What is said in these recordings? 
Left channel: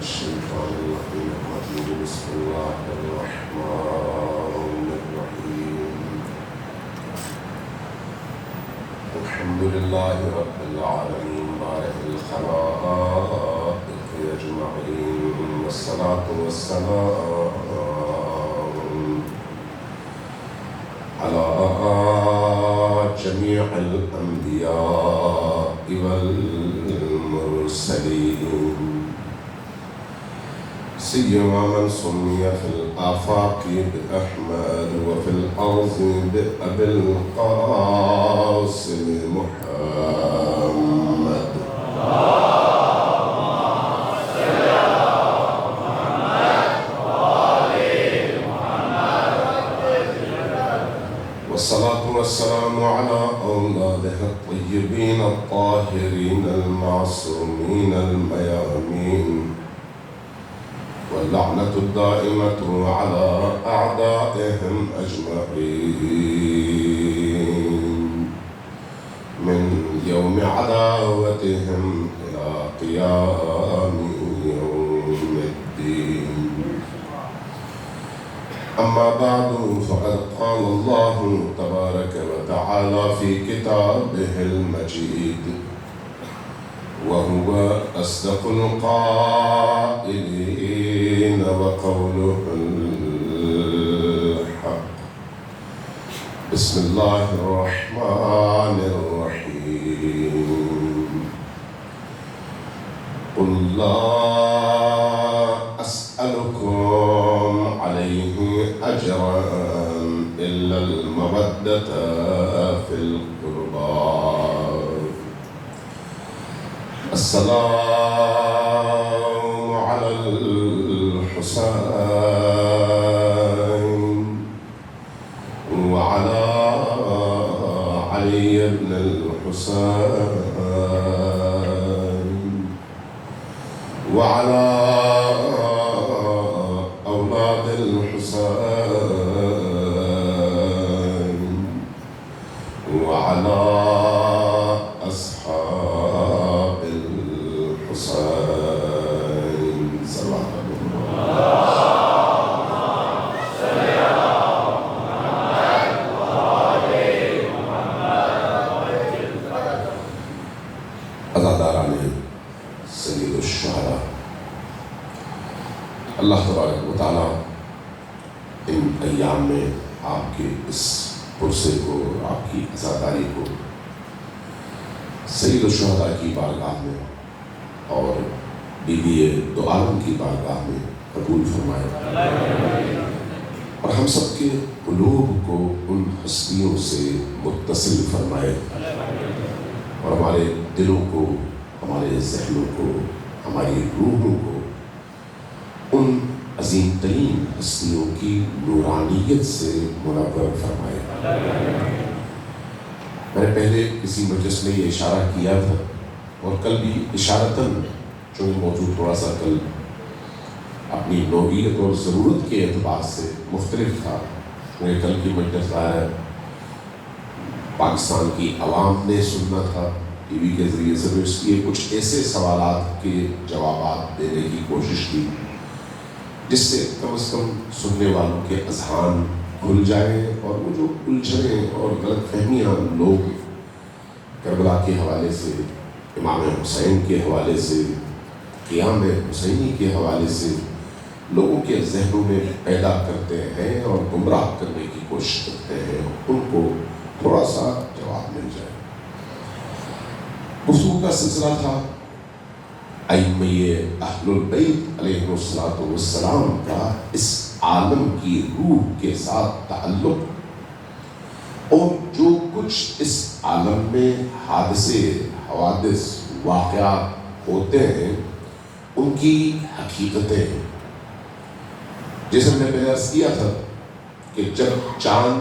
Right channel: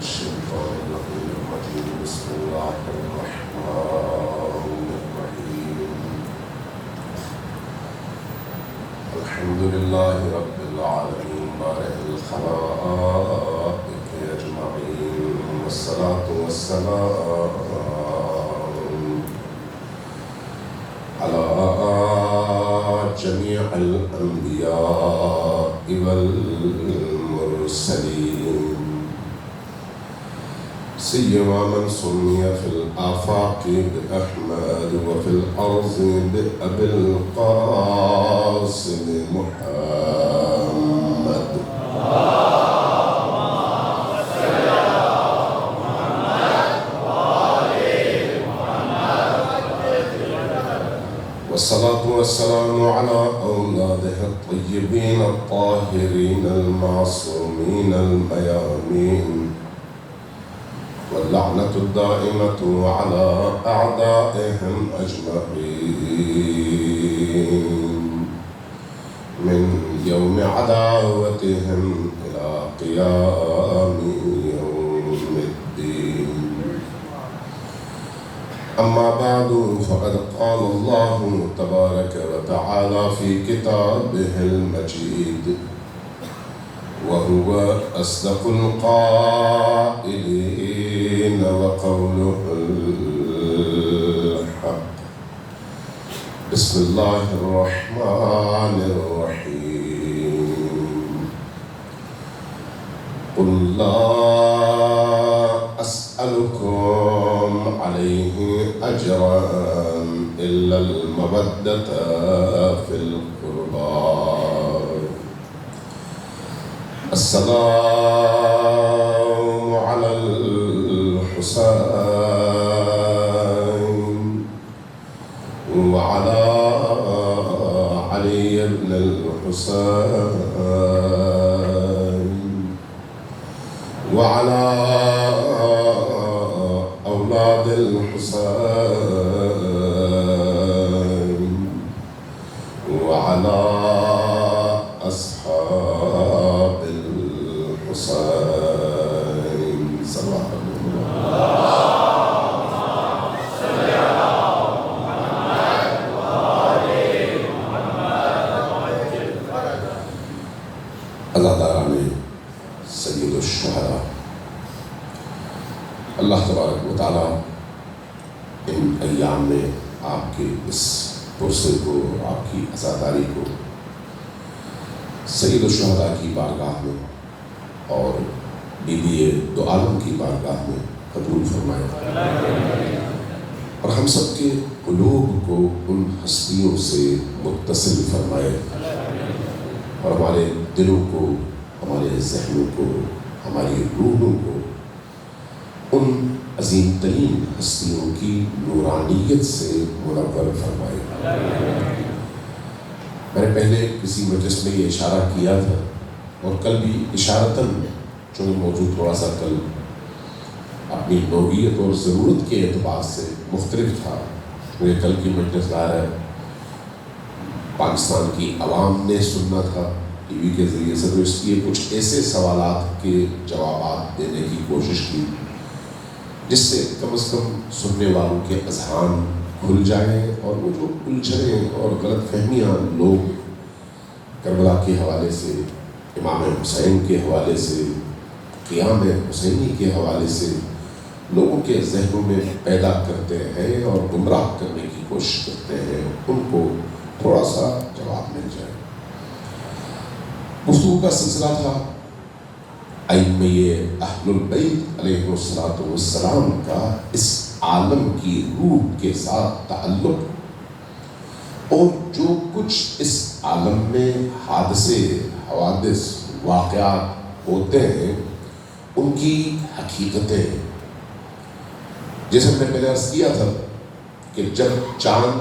الشيطان الرجيم بسم الله الرحمن الرحيم الحمد لله رب العالمين بارئ الخلائق أجمعين والصلاة والسلام على جميع الأنبياء والمرسلين سيما من سمي في الآفاق بأحمد وفي الأرض بأبي القاسم محمد والصلاة والسلام على أولاده الطيبين الطاهرين المعصومين الميامين واللعنة الدائمة على أعدائهم أجمعين من يوم عداوتهم إلى قيام يوم الدين أما بعد فقد قال الله تبارك وتعالى في كتابه المجيد وهو أصدق القائلين وقوله الحق بسم الله الرحمن الرحيم قل لا أسألكم عليه أجرا إلا المودة في القربى السلام على الحسين وعلى علي بن الحسين وعلى أولاد الحسين وعلى أصحاب الحسين صلى الله عليه وسلم. عزاداران سید الشہداء، اللہ تبارک و تعالیٰ ان ایام میں آپ کے اس پرسے کو، آپ کی عزاداری کو سید الشہداء کی بارگاہ میں اور بی بی دو عالم کی بارگاہ میں قبول فرمائے اور ہم سب کے قلوب کو ان ہستیوں سے متصل فرمائے اور ہمارے دلوں کو، ہمارے ذہنوں کو، ہماری روحوں کو ان عظیم ترین ہستیوں کی نورانیت سے منور فرمائے۔ میں نے پہلے کسی مجلس میں یہ اشارہ کیا تھا اور کل بھی اشارتاً، چونکہ موضوع تھوڑا سا کل اپنی نوعیت اور ضرورت کے اعتبار سے مختلف تھا، کیونکہ کل کی مجلس ظاہر ہے پاکستان کی عوام نے سننا تھا ٹی وی کے ذریعے سے، تو اس لیے کچھ ایسے سوالات کے جوابات دینے کی کوشش کی جس سے کم از کم سننے والوں کے اذہان کھل جائیں اور وہ جو الجھنیں اور غلط فہمیاں لوگ کربلا کے حوالے سے، امام حسین کے حوالے سے، قیام حسینی کے حوالے سے لوگوں کے ذہنوں میں پیدا کرتے ہیں اور گمراہ کرنے کی کوشش کرتے ہیں، ان کو تھوڑا سا جواب مل جائے۔ گفتگو کا سلسلہ تھا ائمہ اہل البیت علیہ السلام کا اس عالم کی روح کے ساتھ تعلق اور جو کچھ اس عالم میں حادثے، حوادث، واقعات ہوتے ہیں ان کی حقیقتیں۔ جیسے میں نے پہلے عرض کیا تھا کہ جب چاند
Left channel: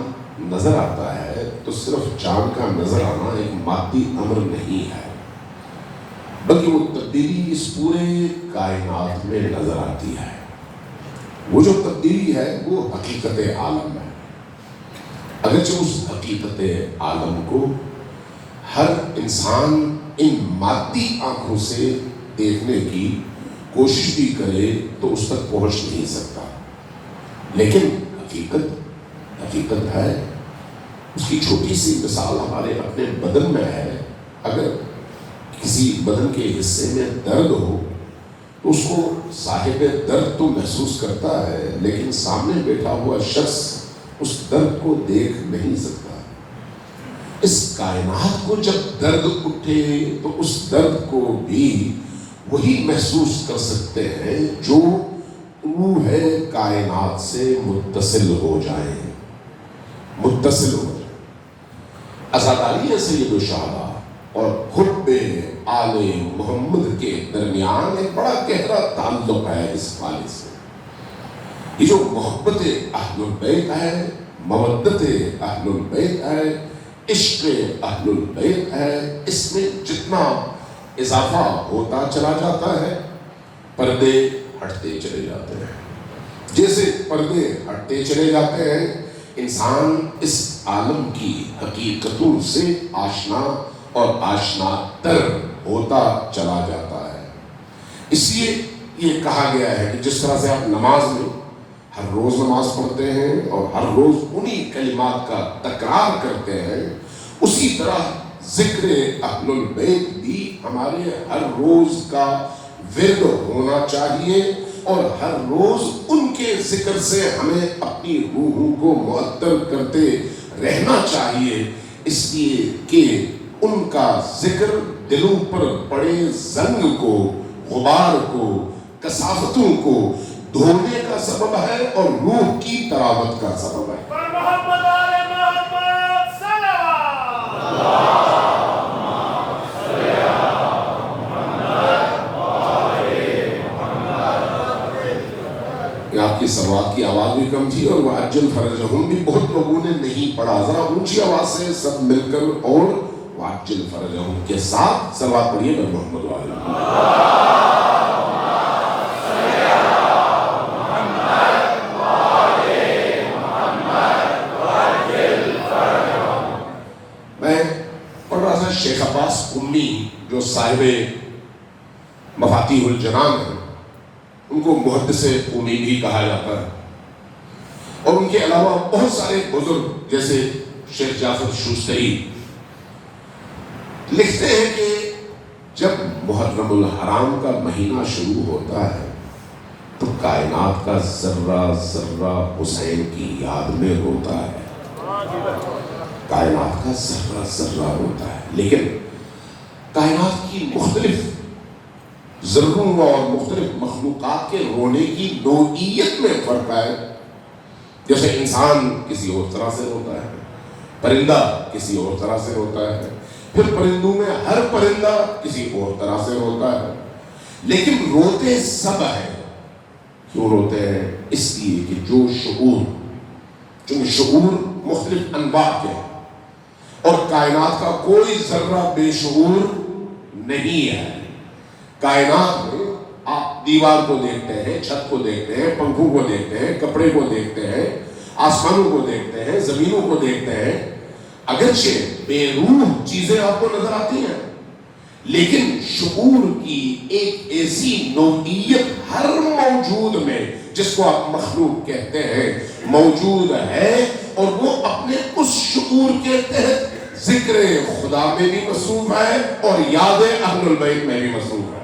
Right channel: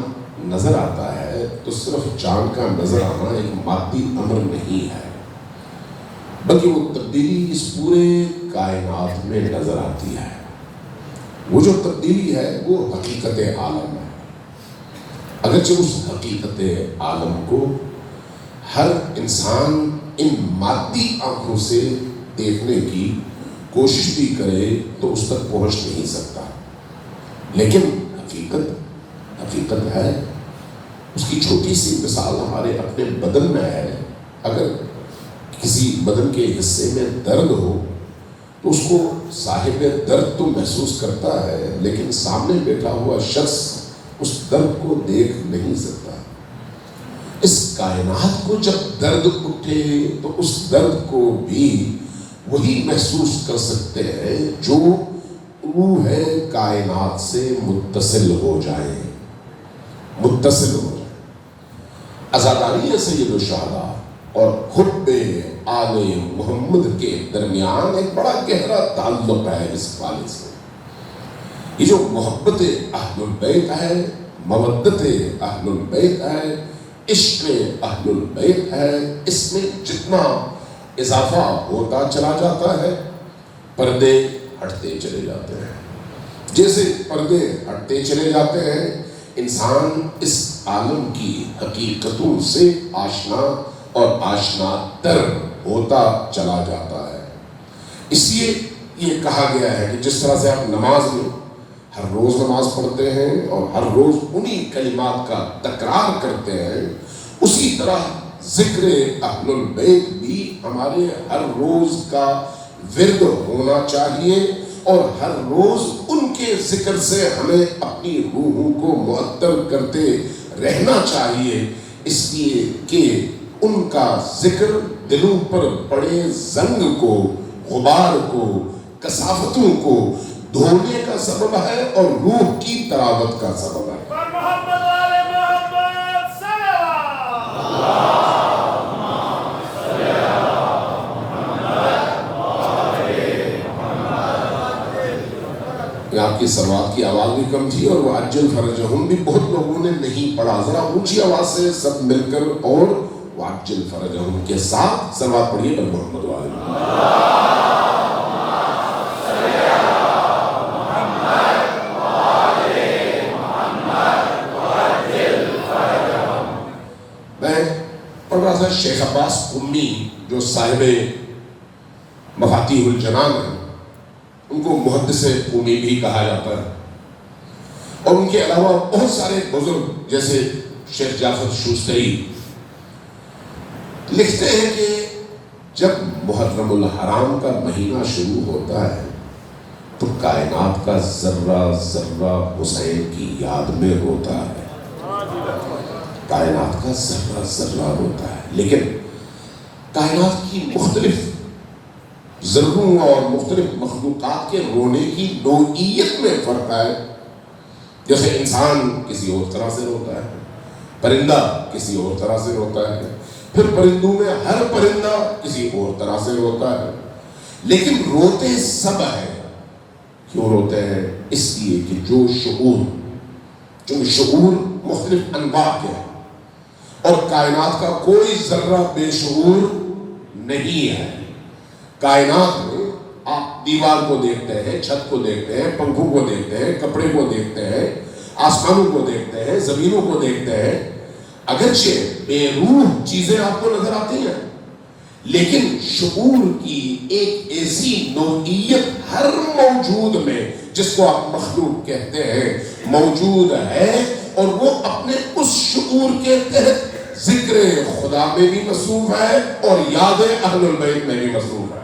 نظر آتا ہے تو صرف چاند کا نظر آنا ایک مادی امر نہیں ہے، بلکہ وہ تبدیلی اس پورے کائنات میں نظر آتی ہے۔ وہ جو تبدیلی ہے وہ حقیقت عالم ہے، اگرچہ اس حقیقت عالم کو ہر انسان ان مادی آنکھوں سے دیکھنے کی کوشش بھی کرے تو اس تک پہنچ نہیں سکتا. لیکن حقیقت ہے. اس کی چھوٹی سی مثال ہمارے اپنے بدن میں ہے. اگر کسی بدن کے حصے میں درد ہو تو اس کو صاحب درد تو محسوس کرتا ہے، لیکن سامنے بیٹھا ہوا شخص اس درد کو دیکھ نہیں سکتا. اس کائنات کو جب درد اٹھے تو اس درد کو بھی وہی محسوس کر سکتے ہیں جو روح کائنات سے متصل ہو جائیں. عزاداری سید الشہداء اور حب آل محمد کے درمیان ایک بڑا گہرا تعلق ہے اس خالص سے. یہ جو محبت اہل البیت ہے، مودت اہل البیت ہے، عشق اہل البیت ہے، اس میں جتنا اضافہ ہوتا چلا جاتا ہے پردے ہٹتے چلے جاتے ہیں. جیسے پردے ہٹتے چلے جاتے ہیں انسان اس عالم کی حقیقتوں سے آشنا اور آشنا تر ہوتا چلا جاتا ہے. اس لیے یہ کہا گیا ہے کہ جس طرح سے آپ نماز میں ہر روز نماز پڑھتے ہیں اور ہر روز انہی کلمات کا تکرار کرتے ہیں، اسی طرح ذکر اہل البیت بھی ہمارے ہر روز کا ورد ہونا چاہیے اور ہر روز ان کے ذکر سے ہمیں اپنی روحوں کو معطر کرتے رہنا چاہیے، اس لیے کہ ان کا ذکر دلوں پر پڑے زنگ کو، غبار کو، کثافتوں کو دھونے کا سبب ہے اور روح کی تراوت کا سبب ہے. آپ کی صلوات کی آواز بھی کم تھی اور وعجل فرجہم بھی بہت لوگوں نے نہیں پڑھا. ذرا اونچی آواز سے سب مل کر اور وعجل فرجہم کے ساتھ صلوات پڑھیے پر محمد وآلہ. میں پڑھ رہا تھا شیخ عباس قمی جو صاحب مفاتیح الجنان ہیں، ان کو محدث قمی بھی کہا جاتا ہے، اور ان کے علاوہ بہت سارے بزرگ جیسے شیخ جعفر شوستری لکھتے ہیں کہ جب محرم الحرام کا مہینہ شروع ہوتا ہے تو کائنات کا ذرہ ذرہ حسین کی یاد میں ہوتا ہے. کائنات کا ذرہ ذرہ ہوتا ہے، لیکن کائنات کی مختلف ذروں اور مختلف مخلوقات کے رونے کی نوعیت میں فرق ہے. جیسے انسان کسی اور طرح سے روتا ہے، پرندہ کسی اور طرح سے روتا ہے، پھر پرندوں میں ہر پرندہ کسی اور طرح سے روتا ہے، لیکن روتے سب ہیں. کیوں روتے ہیں؟ اس لیے کہ جو شعور مختلف انواع کے ہیں اور کائنات کا کوئی ذرہ بے شعور نہیں ہے. کائنات میں آپ دیوار کو دیکھتے ہیں، چھت کو دیکھتے ہیں، پنکھوں کو دیکھتے ہیں، کپڑے کو دیکھتے ہیں، آسمانوں کو دیکھتے ہیں، زمینوں کو دیکھتے ہیں، اگرچہ بے روح چیزیں آپ کو نظر آتی ہیں، لیکن شعور کی ایک ایسی نوعیت ہر موجود میں جس کو آپ مخلوق کہتے ہیں موجود ہے، اور وہ اپنے اس شعور کے تحت ذکر خدا میں بھی مصروف ہے اور یاد اہل البیت میں بھی مصروف ہے.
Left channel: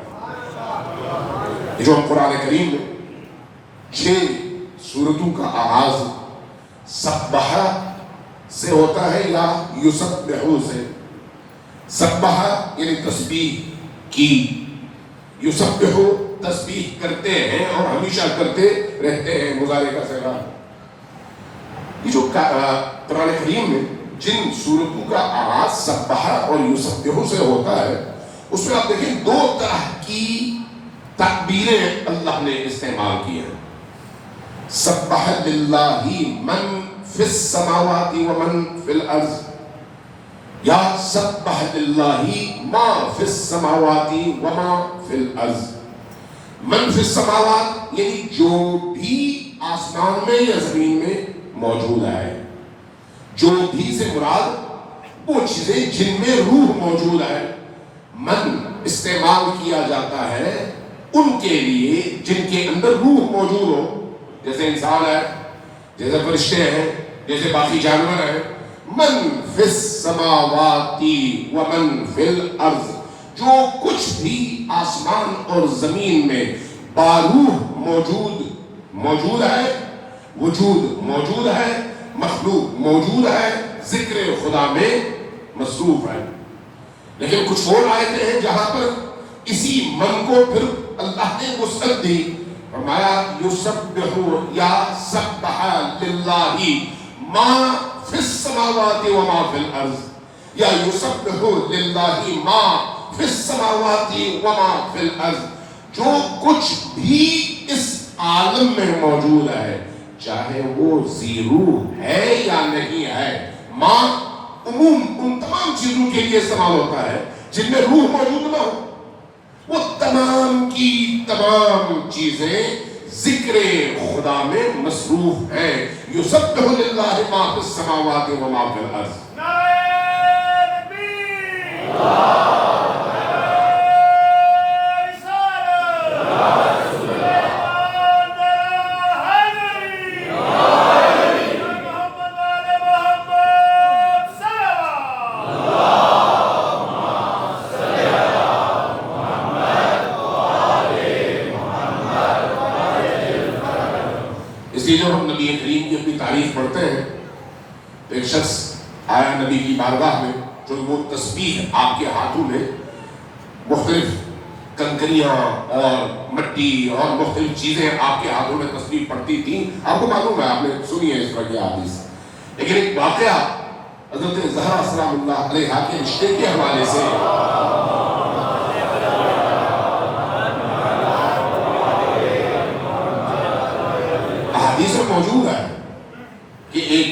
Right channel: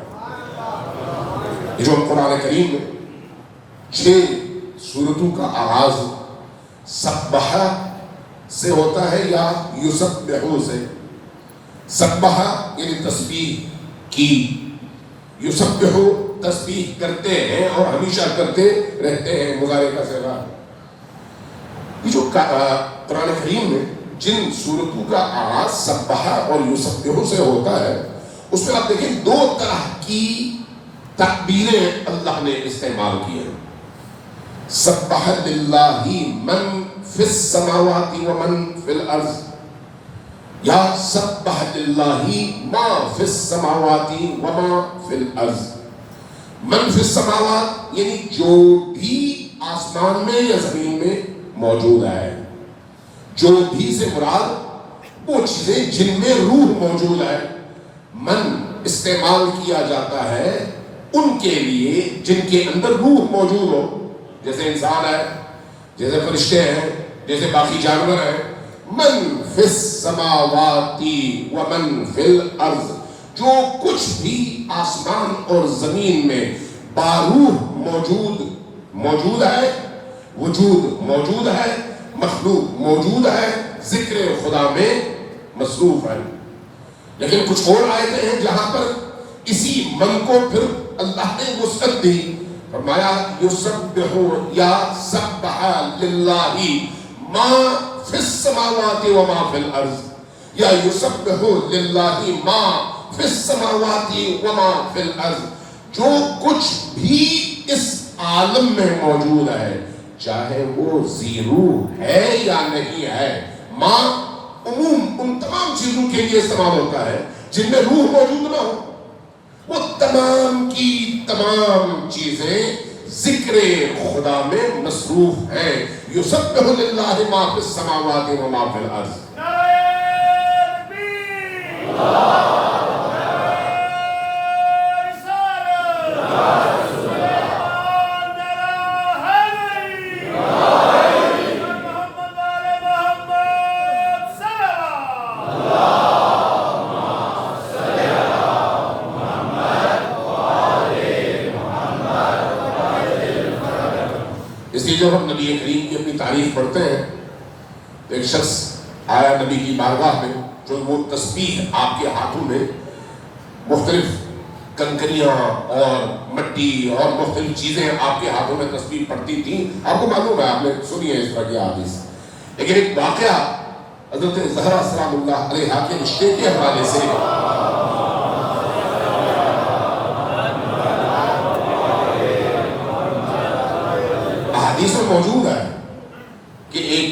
جو قرآن کریم میں 6 سورتوں کا آغاز سبح سے ہوتا ہے یا یسبحو سے. سبح یعنی تسبیح کی، یسبحو تسبیح کرتے ہیں اور ہمیشہ کرتے رہتے ہیں، مضارع کا صیغہ. یہ جو قرآن کریم میں جن سورتوں کا آغاز سبح اور یسبحو سے ہوتا ہے، اس میں آپ دیکھیں 2 طرح کی تعبیریں اللہ نے استعمال کی ہیں. سبح للہ من فی السماوات ومن فی الارض، یا سبح للہ ما فی السماوات وما فی الارض. من فی السماوات یعنی جو بھی آسمان میں یا زمین میں موجود ہے. جو بھی سے مراد وہ چیزیں جن میں روح موجود ہے. من استعمال کیا جاتا ہے ان کے لیے جن کے اندر روح موجود ہو، جیسے انسان ہے، جیسے فرشتے ہیں، جیسے باقی جانور ہیں، من فی السماوات ومن فی الارض، جو کچھ بھی آسمان اور زمین میں باروح موجود ہے، وجود موجود ہے، مخلوق موجود ہے، ذکر خدا میں مصروف ہے۔ لیکن کچھ اور آیتیں ہیں جہاں پر اسی من کو پھر اللہ نے وسعت دی، فرمایا یسبح یا سبح للہ ما فی السماوات وما فی الارض، یا یسبح للہ ما فی السماوات وما فی الارض، جو کچھ بھی اس عالم میں موجود ہے، چاہے وہ ذی روح ہے یا نہیں ہے، ما عموم ان تمام چیزوں کے لیے استعمال ہوتا ہے جن میں روح موجود نہ ہو، وہ تمام کی تمام چیزیں ذکر خدا میں مصروف ہیں۔ یسبح للہ ما فی السماوات وما فی الارض۔ اس لیے جب ہم نبی کریم کی اپنی تعریف پڑھتے ہیں، ایک شخص آیا نبی کی بارگاہ میں، جو وہ تسبیح آپ کے ہاتھوں میں مختلف کنکریاں اور مٹی اور مختلف چیزیں آپ کے ہاتھوں میں تسبیح پڑتی تھیں، آپ کو معلوم ہے، آپ نے سنی ہے اس طرح کی حدیث۔ لیکن ایک واقعہ حضرت زہرا سلام اللہ علیہا کے رشتے کے حوالے سے حدیث میں موجود ہے کہ ایک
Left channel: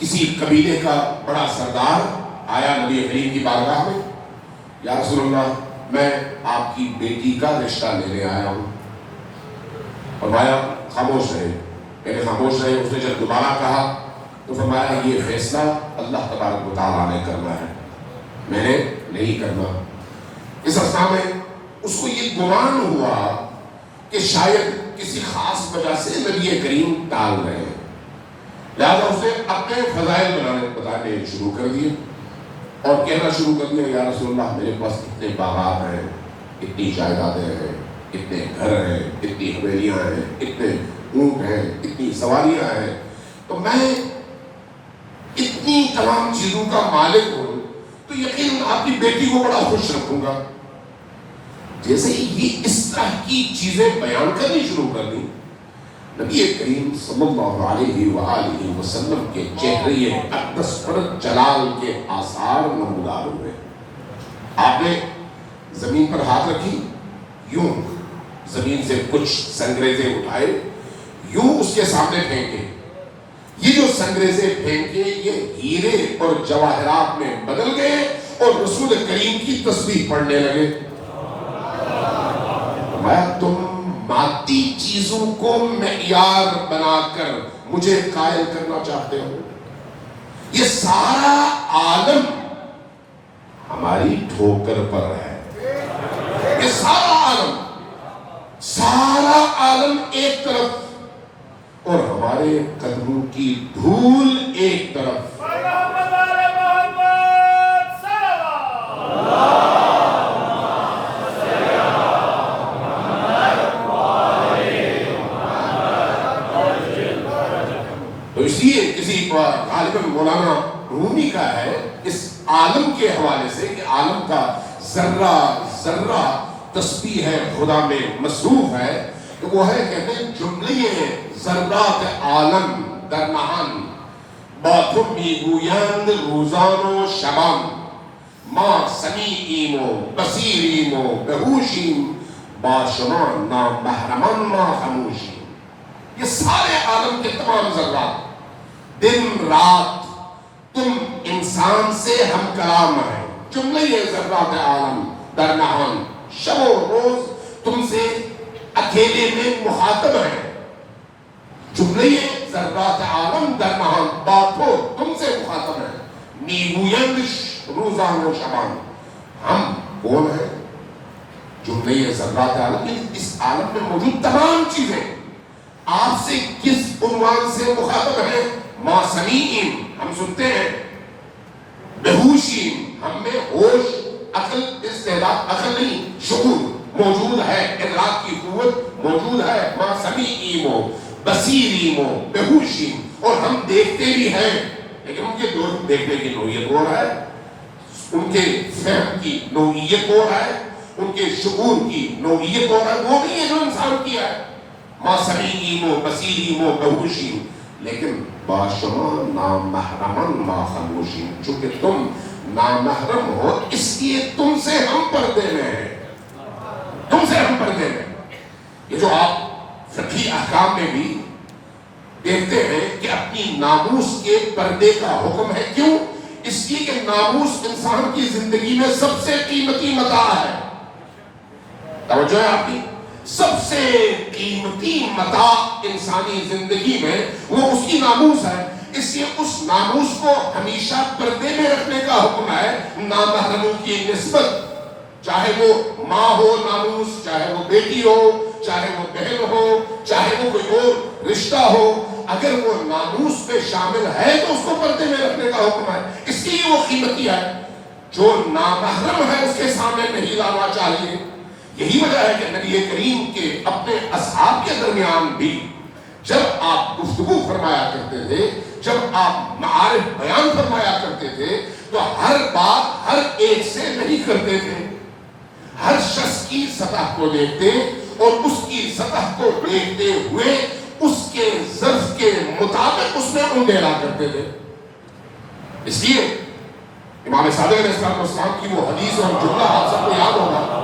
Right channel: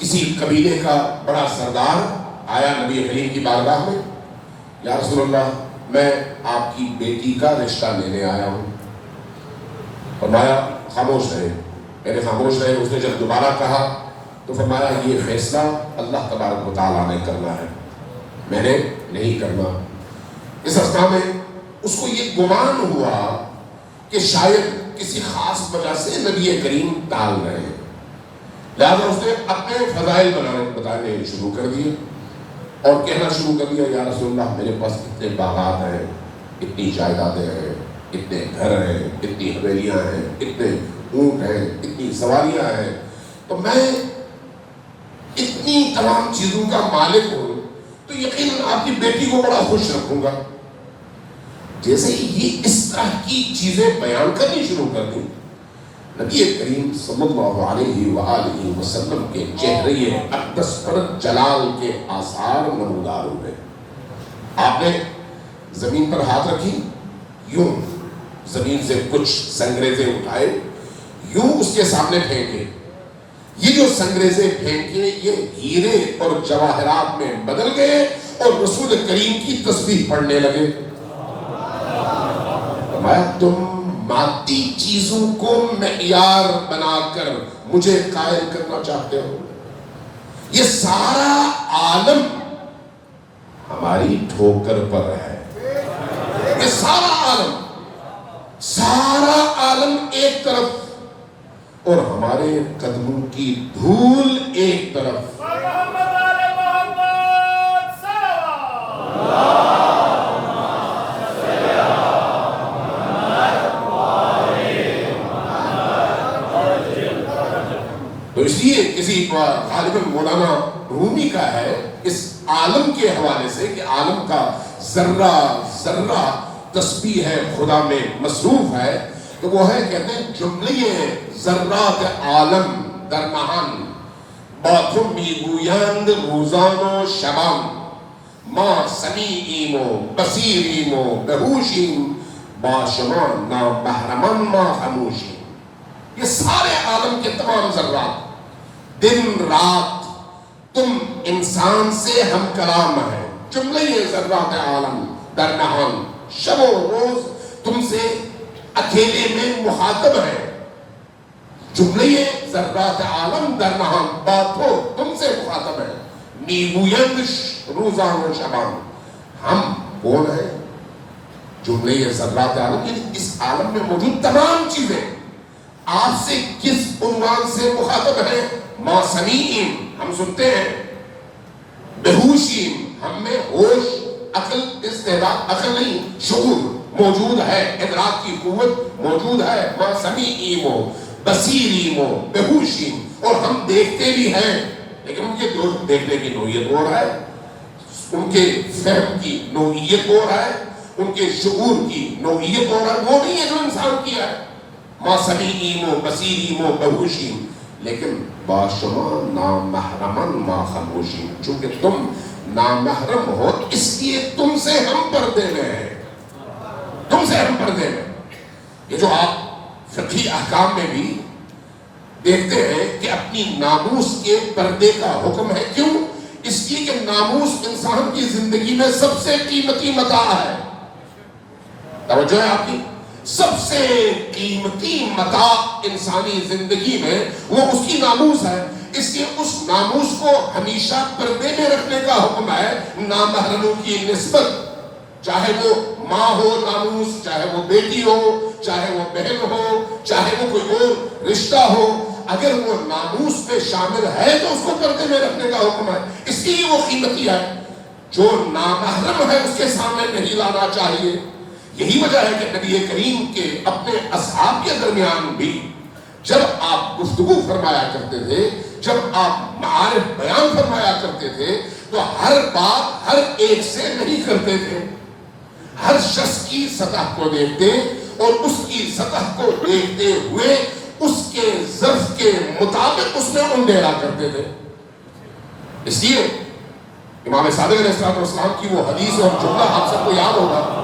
کسی قبیلے کا بڑا سردار آیا نبی کریم کی بارگاہ میں، یا رسول اللہ میں آپ کی بیٹی کا رشتہ لینے آیا ہوں۔ فرمایا خاموش رہے، یعنی خاموش رہے۔ اس نے جب دوبارہ کہا تو فرمایا یہ فیصلہ اللہ تبارک و تعالیٰ نے کرنا ہے، میں نے نہیں کرنا۔ اس اثنا میں اس کو یہ گمان ہوا کہ شاید کسی خاص وجہ سے نبی کریم ٹال رہے ہیں، لہذا اس نے اپنے فضائل بتانے شروع کر دیے اور کہنا شروع کر دیا، یا رسول اللہ میرے پاس اتنے باغات ہیں، اتنی جائیدادیں ہیں، اتنے گھر ہیں، اتنی حویلیاں ہیں، اتنے اونٹ ہیں، اتنی سواریاں ہیں، تو میں اتنی تمام چیزوں کا مالک ہوں تو یقیناً آپ کی بیٹی کو بڑا خوش رکھوں گا۔ جیسے یہ اس طرح کی چیزیں بیان کرنی شروع کر دی، نبی کریم صلی اللہ علیہ وآلہ وسلم کے چہرے اقدس پر جلال کے آثار نمودار ہوئے۔ آپ نے زمین پر ہاتھ رکھی، یوں زمین سے کچھ سنگریزے اٹھائے، یوں اس کے سامنے پھینکے، یہ جو سنگریزے پھینکے یہ ہیرے اور جواہرات میں بدل گئے اور رسول کریم کی تسبیح پڑھنے لگے۔ تم مادی چیزوں کو معیار بنا کر مجھے قائل کرنا چاہتے ہو؟ یہ سارا عالم ہماری ٹھوکر پر ہے، یہ سارا عالم ایک طرف اور ہمارے قدموں کی دھول ایک طرف۔ تو اس لیے کسی غالباً مولانا رومی کا ہے اس عالم کے حوالے سے کہ عالم کا ذرہ ذرہ تسبیح ہے خدا میں مصروف ہے، کہ وہ ہے کہتے ہیں جملے ذرات عالم در نهان با تو میگویند روزان و شبان، ما سمیعیم و بصیریم و بهوشیم با شما نامحرمان ما خموشیم۔ یہ سارے عالم کے تمام ذرات دن رات تم انسان سے ہم کلام ہیں، جملہ ذرات عالم در نهان، شب و روز تم سے اکیلے میں مخاطب ہیں، جملہ ذرات عالم در نهان باتو تم سے مخاطب ہیں، میگویند روزان و شبان۔ ہم کون ہیں جملے یہ ذرات عالم، اس عالم میں موجود تمام چیزیں آپ سے کس عنوان سے مخاطب ہے؟ ما سمیعین، ہم سنتے ہیں، بہوشین، ہم میں ہوش، عقل، استعداد، عقل نہیں شعور موجود ہے، ادراک کی قوت موجود ہے، ما سمیعین ہو، بصیرین ہو، بہوشین، اور ہم دیکھتے بھی ہیں، لیکن ان کے دیکھنے کی نوعیت ہو رہا ہے، ان کے فہم کی نوعیت ہو رہا ہے، ان کے شعور کی نوعیت ہو رہا ہے، وہ نہیں ہے جو انسان کیا ہے، ما سمیعین و بصیرین و بہوشین، لیکن باشما نامحرمن ما خموشین، چونکہ تم نامحرم ہو اس لیے تم سے ہم پردے میں ہیں، تم سے ہم پردے میں۔ یہ جو آپ فقہی احکام میں بھی دیکھتے ہیں کہ اپنی ناموس کے پردے کا حکم ہے، کیوں؟ اس لیے کہ ناموس انسان کی زندگی میں سب سے قیمتی متاع ہے، توجہ ہے آپ کی، سب سے قیمتی متاع انسانی زندگی میں وہ اس کی ناموس ہے، اس لیے اس ناموس کو ہمیشہ پردے میں رکھنے کا حکم ہے، نامحرموں کی نسبت، چاہے وہ ماں ہو ناموس، چاہے وہ بیٹی ہو، چاہے وہ بہن ہو، چاہے وہ کوئی اور رشتہ ہو، اگر وہ ناموس میں شامل ہے تو اس کو پردے میں رکھنے کا حکم ہے، اس لیے وہ قیمتی ہے، جو نامحرم ہے اس کے سامنے نہیں لانا چاہیے۔ یہی وجہ ہے کہ نبی کریم کے اپنے اصحاب کے درمیان بھی جب آپ گفتگو فرمایا کرتے تھے، جب آپ معارف بیان فرمایا کرتے تھے، تو ہر بات ہر ایک سے نہیں کرتے تھے، ہر شخص کی سطح کو دیکھتے اور اس کی سطح کو دیکھتے ہوئے اس کے ظرف کے مطابق اس میں انڈیرا کرتے تھے۔ اس لیے امام صادق علیہ السلام کی وہ حدیث اور جملہ آپ سب کو یاد ہوگا،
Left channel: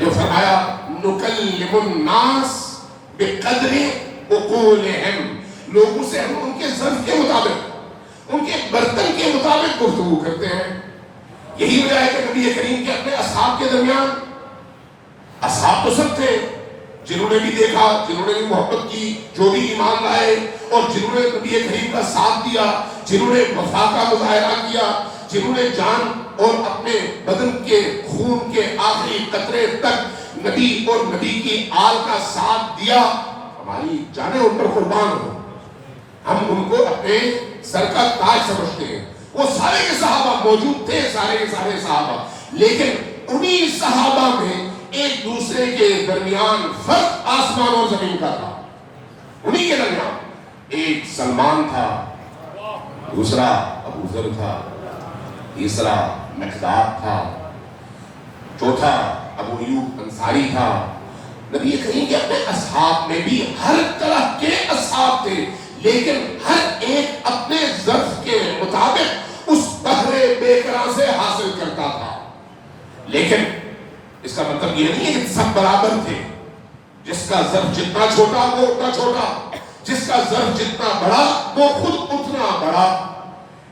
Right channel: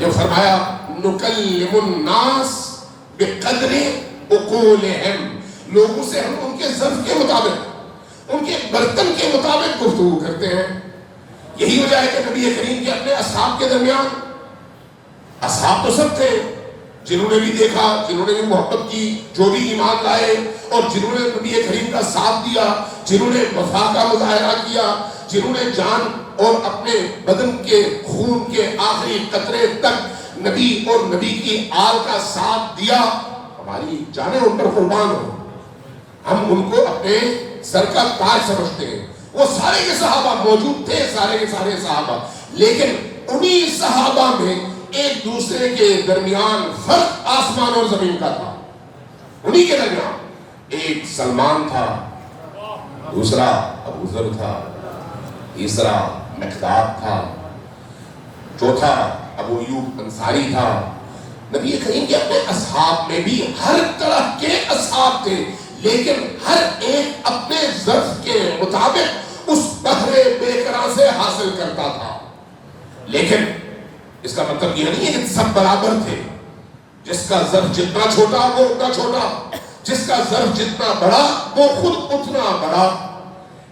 جو فرمایا نکلم الناس بقدر عقولہم، لوگوں سے ہم ان کے ظرف کے مطابق، ان کے برتن کے مطابق گفتگو کرتے ہیں۔ یہی وجہ ہے کہ نبی کریم کے اپنے اصحاب کے درمیان، اصحاب تو سب تھے جنہوں نے بھی دیکھا، جنہوں نے بھی محبت کی، جو بھی ایمان لائے اور جنہوں نے نبی کریم کا ساتھ دیا، جنہوں نے وفا کا مظاہرہ کیا، جنہوں نے جان اور اپنے بدن کے خون کے آخری قطرے تک نبی اور نبی کی آل کا ساتھ دیا، ہماری جانیں ان پر قربان ہو، ہم ان کو اپنے سر کا تاج سمجھتے ہیں۔ وہ سارے کے صحابہ موجود تھے، سارے کے سارے صحابہ، لیکن انہی صحابہ میں ایک دوسرے کے درمیان فرق آسمان اور زمین کا تھا، انہی کے درمیان ایک سلمان تھا، دوسرا ابو ذر تھا، تیسرا مقداد تھا، چوتھا ابو ایوب انصاری تھا۔ نبی کریم کے اپنے اصحاب میں بھی ہر طرح کے اصحاب تھے، لیکن ہر ایک اپنے ظرف کے مطابق اس بحر بے قرار سے حاصل کرتا تھا۔ لیکن اس کا مطلب یہ نہیں ہے کہ سب برابر تھے، جس کا ظرف جتنا چھوٹا وہ اتنا چھوٹا، جس کا ظرف جتنا بڑا وہ خود اتنا بڑا۔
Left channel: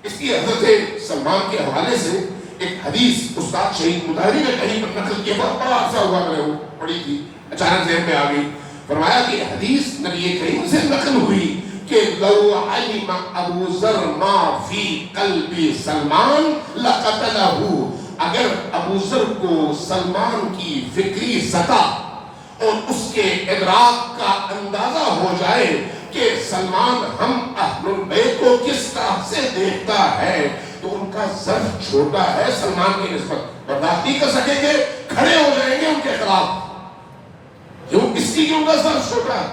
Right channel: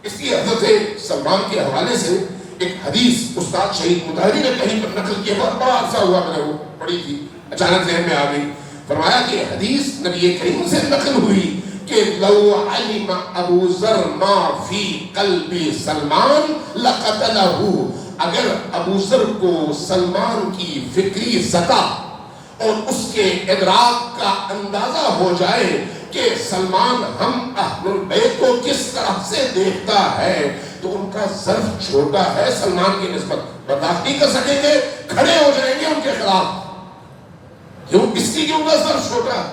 اس لیے حضرت سلمان کے حوالے سے ایک حدیث استاد شہید مطہری نے کہیں پر نقل کیا، بہت بڑا عرصہ ہوا میں نے وہ پڑھی تھی، اچانک ذہن میں آ گئی۔ فرمایا کہ حدیث نبی کریم سے نقل ہوئی کہ لو علم ابو ذر ما فی قلب سلمان لقتلہ، اگر ابو ذر کو سلمان کی فکری سطح اور اس کے ادراک کا اندازہ ہو جائے کہ سلمان ہم اہل البیت کو کس طرح سے دیکھتا ہے، تو ان کا ظرف چھوٹا ہے سلمان کی نسبت، برداشت نہیں کر سکیں گے، کھڑے ہو جائیں گے ان کے خلاف، کیوں؟ اس لیے کہ ان کا ظرف چھوٹا ہے۔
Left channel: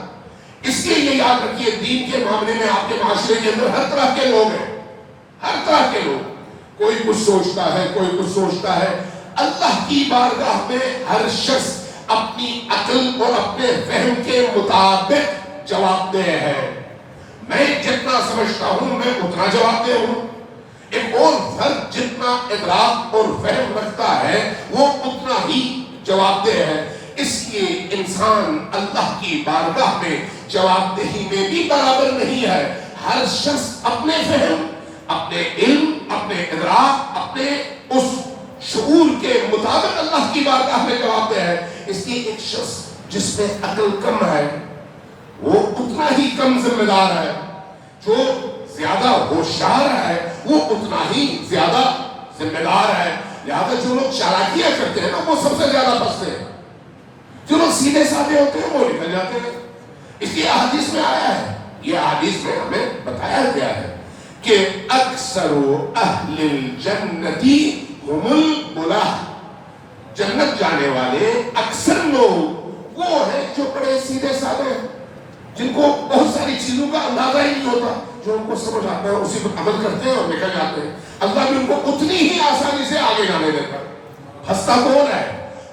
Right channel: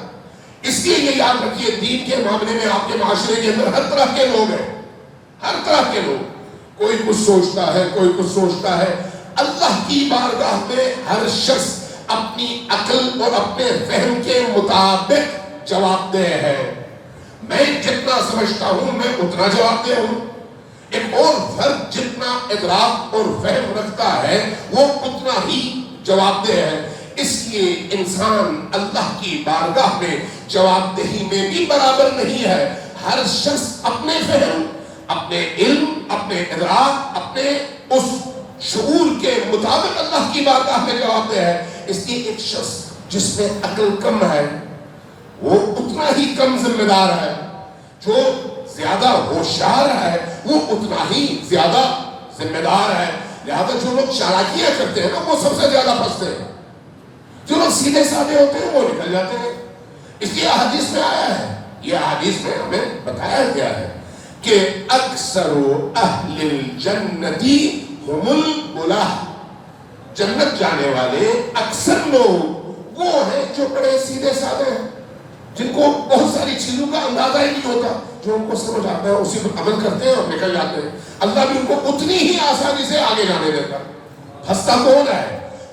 اس لیے یہ یاد رکھیے، دین کے معاملے میں آپ کے معاشرے کے اندر ہر طرح کے لوگ ہیں، ہر طرح کے لوگ، کوئی کچھ سوچتا ہے، کوئی کچھ سوچتا ہے۔ اللہ کی بارگاہ میں ہر شخص اپنی عقل اور اپنے فہم کے مطابق جواب دہ ہے۔ میں جتنا سمجھتا ہوں میں اتنا جواب دہ ہوں، ایک اور فرد جتنا ادراک اور فہم رکھتا ہے وہ اتنا ہی جواب دہ ہے۔ اس لیے انسان اللہ کی بارگاہ میں جواب دہی میں بھی برابر نہیں ہے۔ ہر شخص اپنے فہم، اپنے علم، اپنے ادراک، اپنے اس شعور کے مطابق اللہ کی بارگاہ میں جواب دہ ہے۔ اس لیے ایک شخص جس میں عقل کم ہے وہ اتنا ہی کم ذمہ دار ہے، جو زیادہ ہوشیار ہے وہ اتنا ہی زیادہ ذمہ دار ہے. لہذا جو لوگ چالاکیاں کرتے ہیں نا وہ سب سے زیادہ پھنستے ہیں. جو لوگ سیدھے سادے ہوتے ہیں وہ نکل جاتے ہیں. اس لیے احادیث میں آیا ہے, یہ احادیث میں ہمیں بتایا گیا ہے کہ اکثر اہل الجنتی هم الملاح, جنت جانے والے اکثر لوگ وہ ہیں جو بڑے سیدھے سادے ہیں, جن کو بہت ساری چیزوں کا اندازہ ہی نہیں ہوتا, جو ان کو سمجھ آتا ہے اسی پر عمل کرتے ہیں اور نکل جاتے ہیں. اللہ بھی ان کو اتنی ہی آسانی سے آگے جانے دیتا ہے. ہنستا کون ہے؟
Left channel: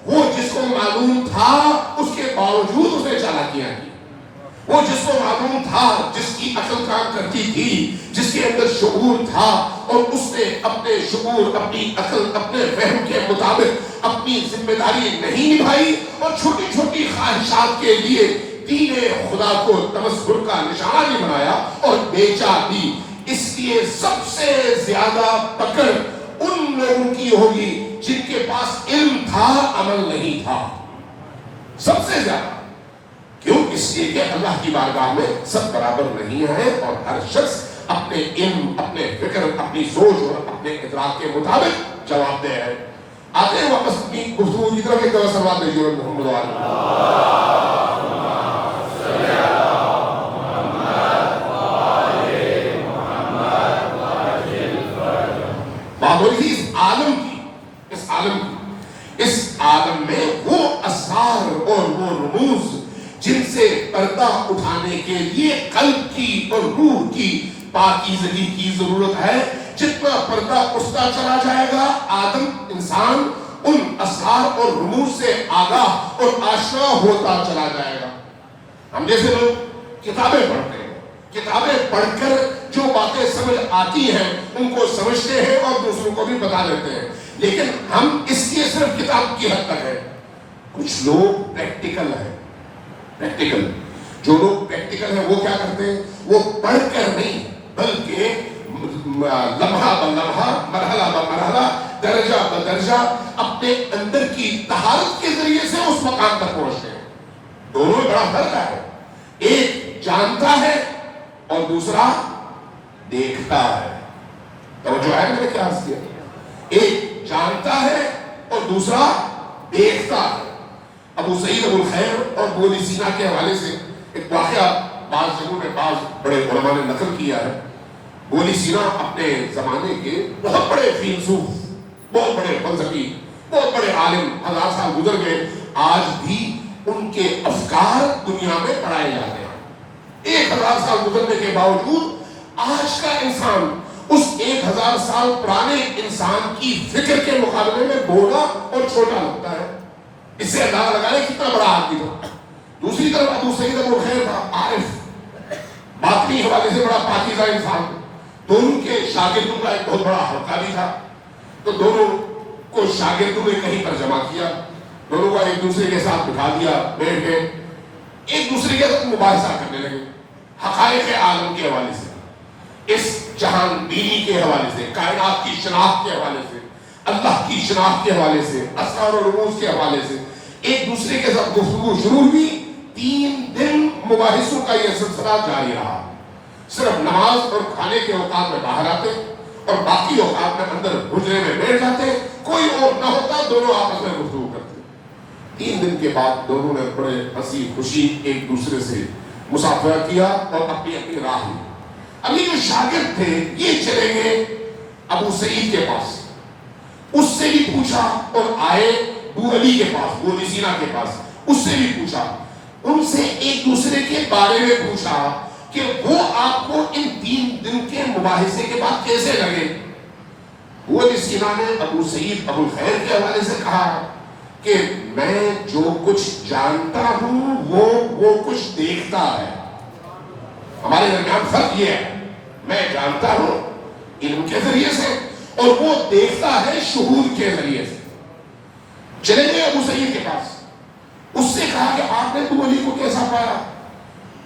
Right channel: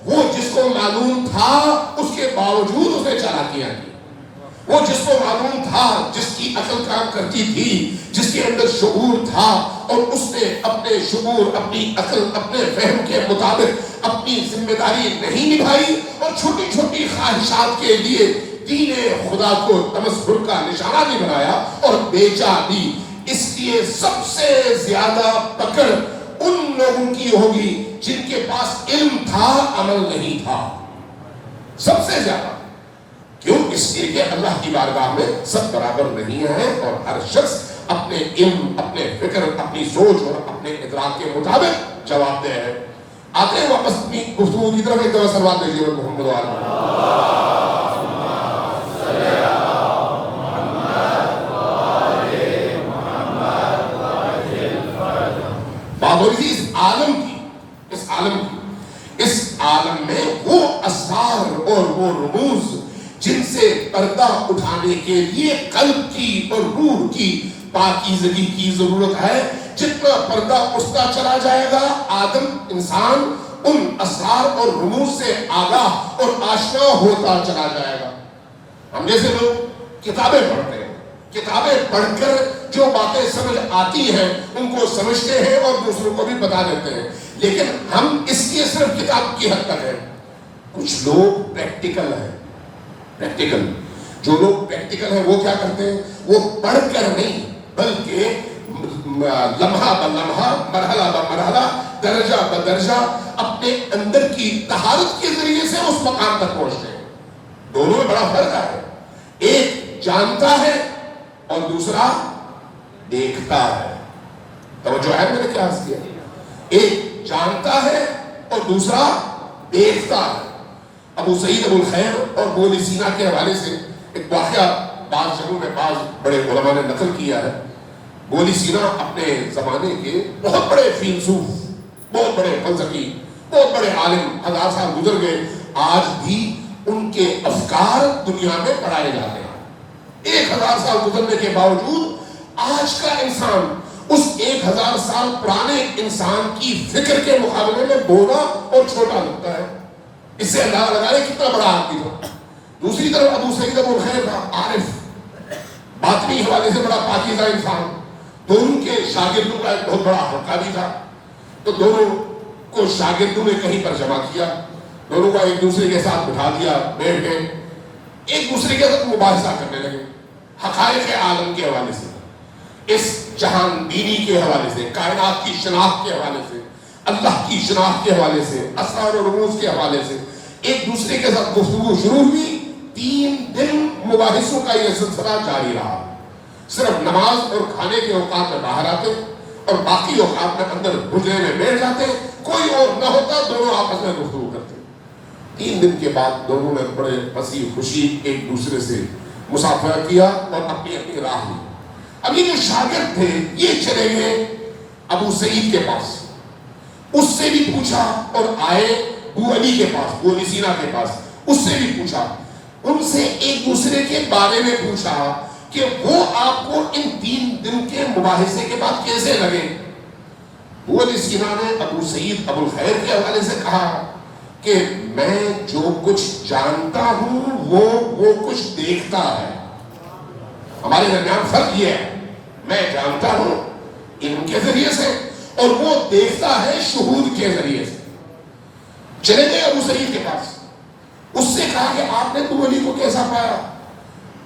وہ جس کو معلوم تھا اس کے باوجود اس نے چالاکیاں کی. وہ جس کو معلوم تھا, جس کی عقل کام کرتی تھی, جس کے اندر شعور تھا, اور اس نے اپنے شعور, اپنی عقل, اپنے فہم کے مطابق اپنی ذمہ داری نہیں نبھائی اور چھوٹی چھوٹی خواہشات کے لیے دین خدا کو تمسخر کا نشانہ بھی بنایا اور بیچا بھی. اس لیے سب سے زیادہ پکڑ ان لوگوں کی ہوگی جن کے پاس علم تھا, عمل نہیں تھا. سب سے زیادہ. کیوں؟ اس لیے کہ اللہ کی بارگاہ میں سب برابر نہیں ہیں اور ہر شخص اپنے علم, اپنے فکر, اپنی سوچ اور اپنے ادراک کے مطابق جواب دے ہے. آتے ہیں واپس اپنی گفتگو کی طرف. ایک دفعہ سلوات بھیجیے محمد اس عالم میں وہ اسرار اور وہ رموز جن سے پردہ اٹھانے کے لیے قلب کی اور روح کی پاکیزگی کی ضرورت ہے. جتنا پردہ اٹھتا چلا جائے گا, آدم انسان ان اسرار اور رموز سے آگاہ اور آشنا ہوتا چلا جائے گا. ہم جیسے لوگ کتابیں پڑھتے ہیں, کتابیں پڑھ کر جو باتیں سمجھ آتی ہیں ان کو سمجھتے ہیں اور دوسروں کو بھی بتا دیتے ہیں, لیکن ہم اس لیے صرف کتاب کی حد تک ہیں. کچھ لوگ پریکٹیکل ہیں. پریکٹیکل جو لوگ پریکٹیکل ہیں وہ کیا کرتے ہیں؟ وہ پڑھ کر نہیں بلکہ لمحہ بلمحہ, مرحلہ بمرحلہ, درجہ بدرجہ اپنے اندر کی طہارت کے ذریعے سے اس مقام تک پہنچتے ہیں. دونوں میں بڑا فرق ہے. ایک جانتا ہے اور دوسرا دیکھتا ہے. توجہ ہے میں نے کیا عرض کیا؟ ایک جانتا ہے اور دوسرا دیکھتا ہے. ابو سعید ابو الخیر اور ابو علی سینا کے حوالے سے ایک واقعہ بعض جگہوں میں بعض بڑے علماء نے نقل کیا ہے. ابو علی سینا اپنے زمانے کے بہت بڑے فیلسوف, بہت بڑے فلسفی, بہت بڑے عالم, 1000 سال گزر گئے, آج بھی ان کے افکار دنیا میں پڑھائے جاتے ہیں. 1000 سال گزرنے کے باوجود آج کا انسان اس 1000 سال پرانے انسان کی فکر کے مقابلے میں بوڑھا اور چھوٹا لگتا ہے. اس سے اندازہ لگائے کتنا بڑا آدمی تھا. دوسری طرف ابو سعید ابو الخیر تھا, عارف, باطنی حوالے سے بڑا پاکیزہ انسان. دونوں کے شاگردوں کا ایک بہت بڑا حلقہ بھی تھا, تو دونوں کو شاگردوں نے کہیں پر جمع کیا, دونوں کو ایک دوسرے کے ساتھ بٹھا دیا, بیٹھ گئے, ایک دوسرے کے ساتھ مباحثہ کرنے لگے حقائق عالم کے حوالے سے, اس جہان بینی کے حوالے سے, کائنات کی شناخت کے حوالے سے, اللہ کی شناخت کے حوالے سے, اسرار و رموز کے حوالے سے ایک دوسرے کے ساتھ گفتگو شروع ہوئی. 3 دن مباحثوں کا یہ سلسلہ جاری رہا. صرف نماز اور کھانے کے اوقات میں باہر آتے اور باقی اوقات میں اندر حجرے میں بیٹھ جاتے, کوئی اور نہ ہوتا, دونوں آپس میں گفتگو کرتے. 3 دن کے بعد دونوں نے بڑے ہنسی خوشی ایک دوسرے سے مسافرہ کیا اور اپنی اپنی راہ لی. ابھی جو شاگرد تھے یہ چلے گئے ابو سعید کے پاس, اس سے بھی پوچھا, اور آئے ابو علی کے پاس, ابو علی سینا کے پاس, اس سے بھی پوچھا. ان سے ایک دوسرے کے بارے میں پوچھا کہ وہ آپ کو ان 3 دن کے مباحثے کے بعد کیسے لگے. ابو علی سینا نے ابو سعید ابو الخیر کے حوالے سے کہا کہ میں جو کچھ جانتا ہوں وہ کچھ دیکھتا ہے. ہمارے درمیان فرق یہ ہے, میں جانتا ہوں علم کے ذریعے سے اور وہ دیکھتا ہے شہود کے ذریعے سے. چلے گئے ابو سعید کے پاس, اس سے کہا کہ آپ نے ابو علی کو کیسا پایا؟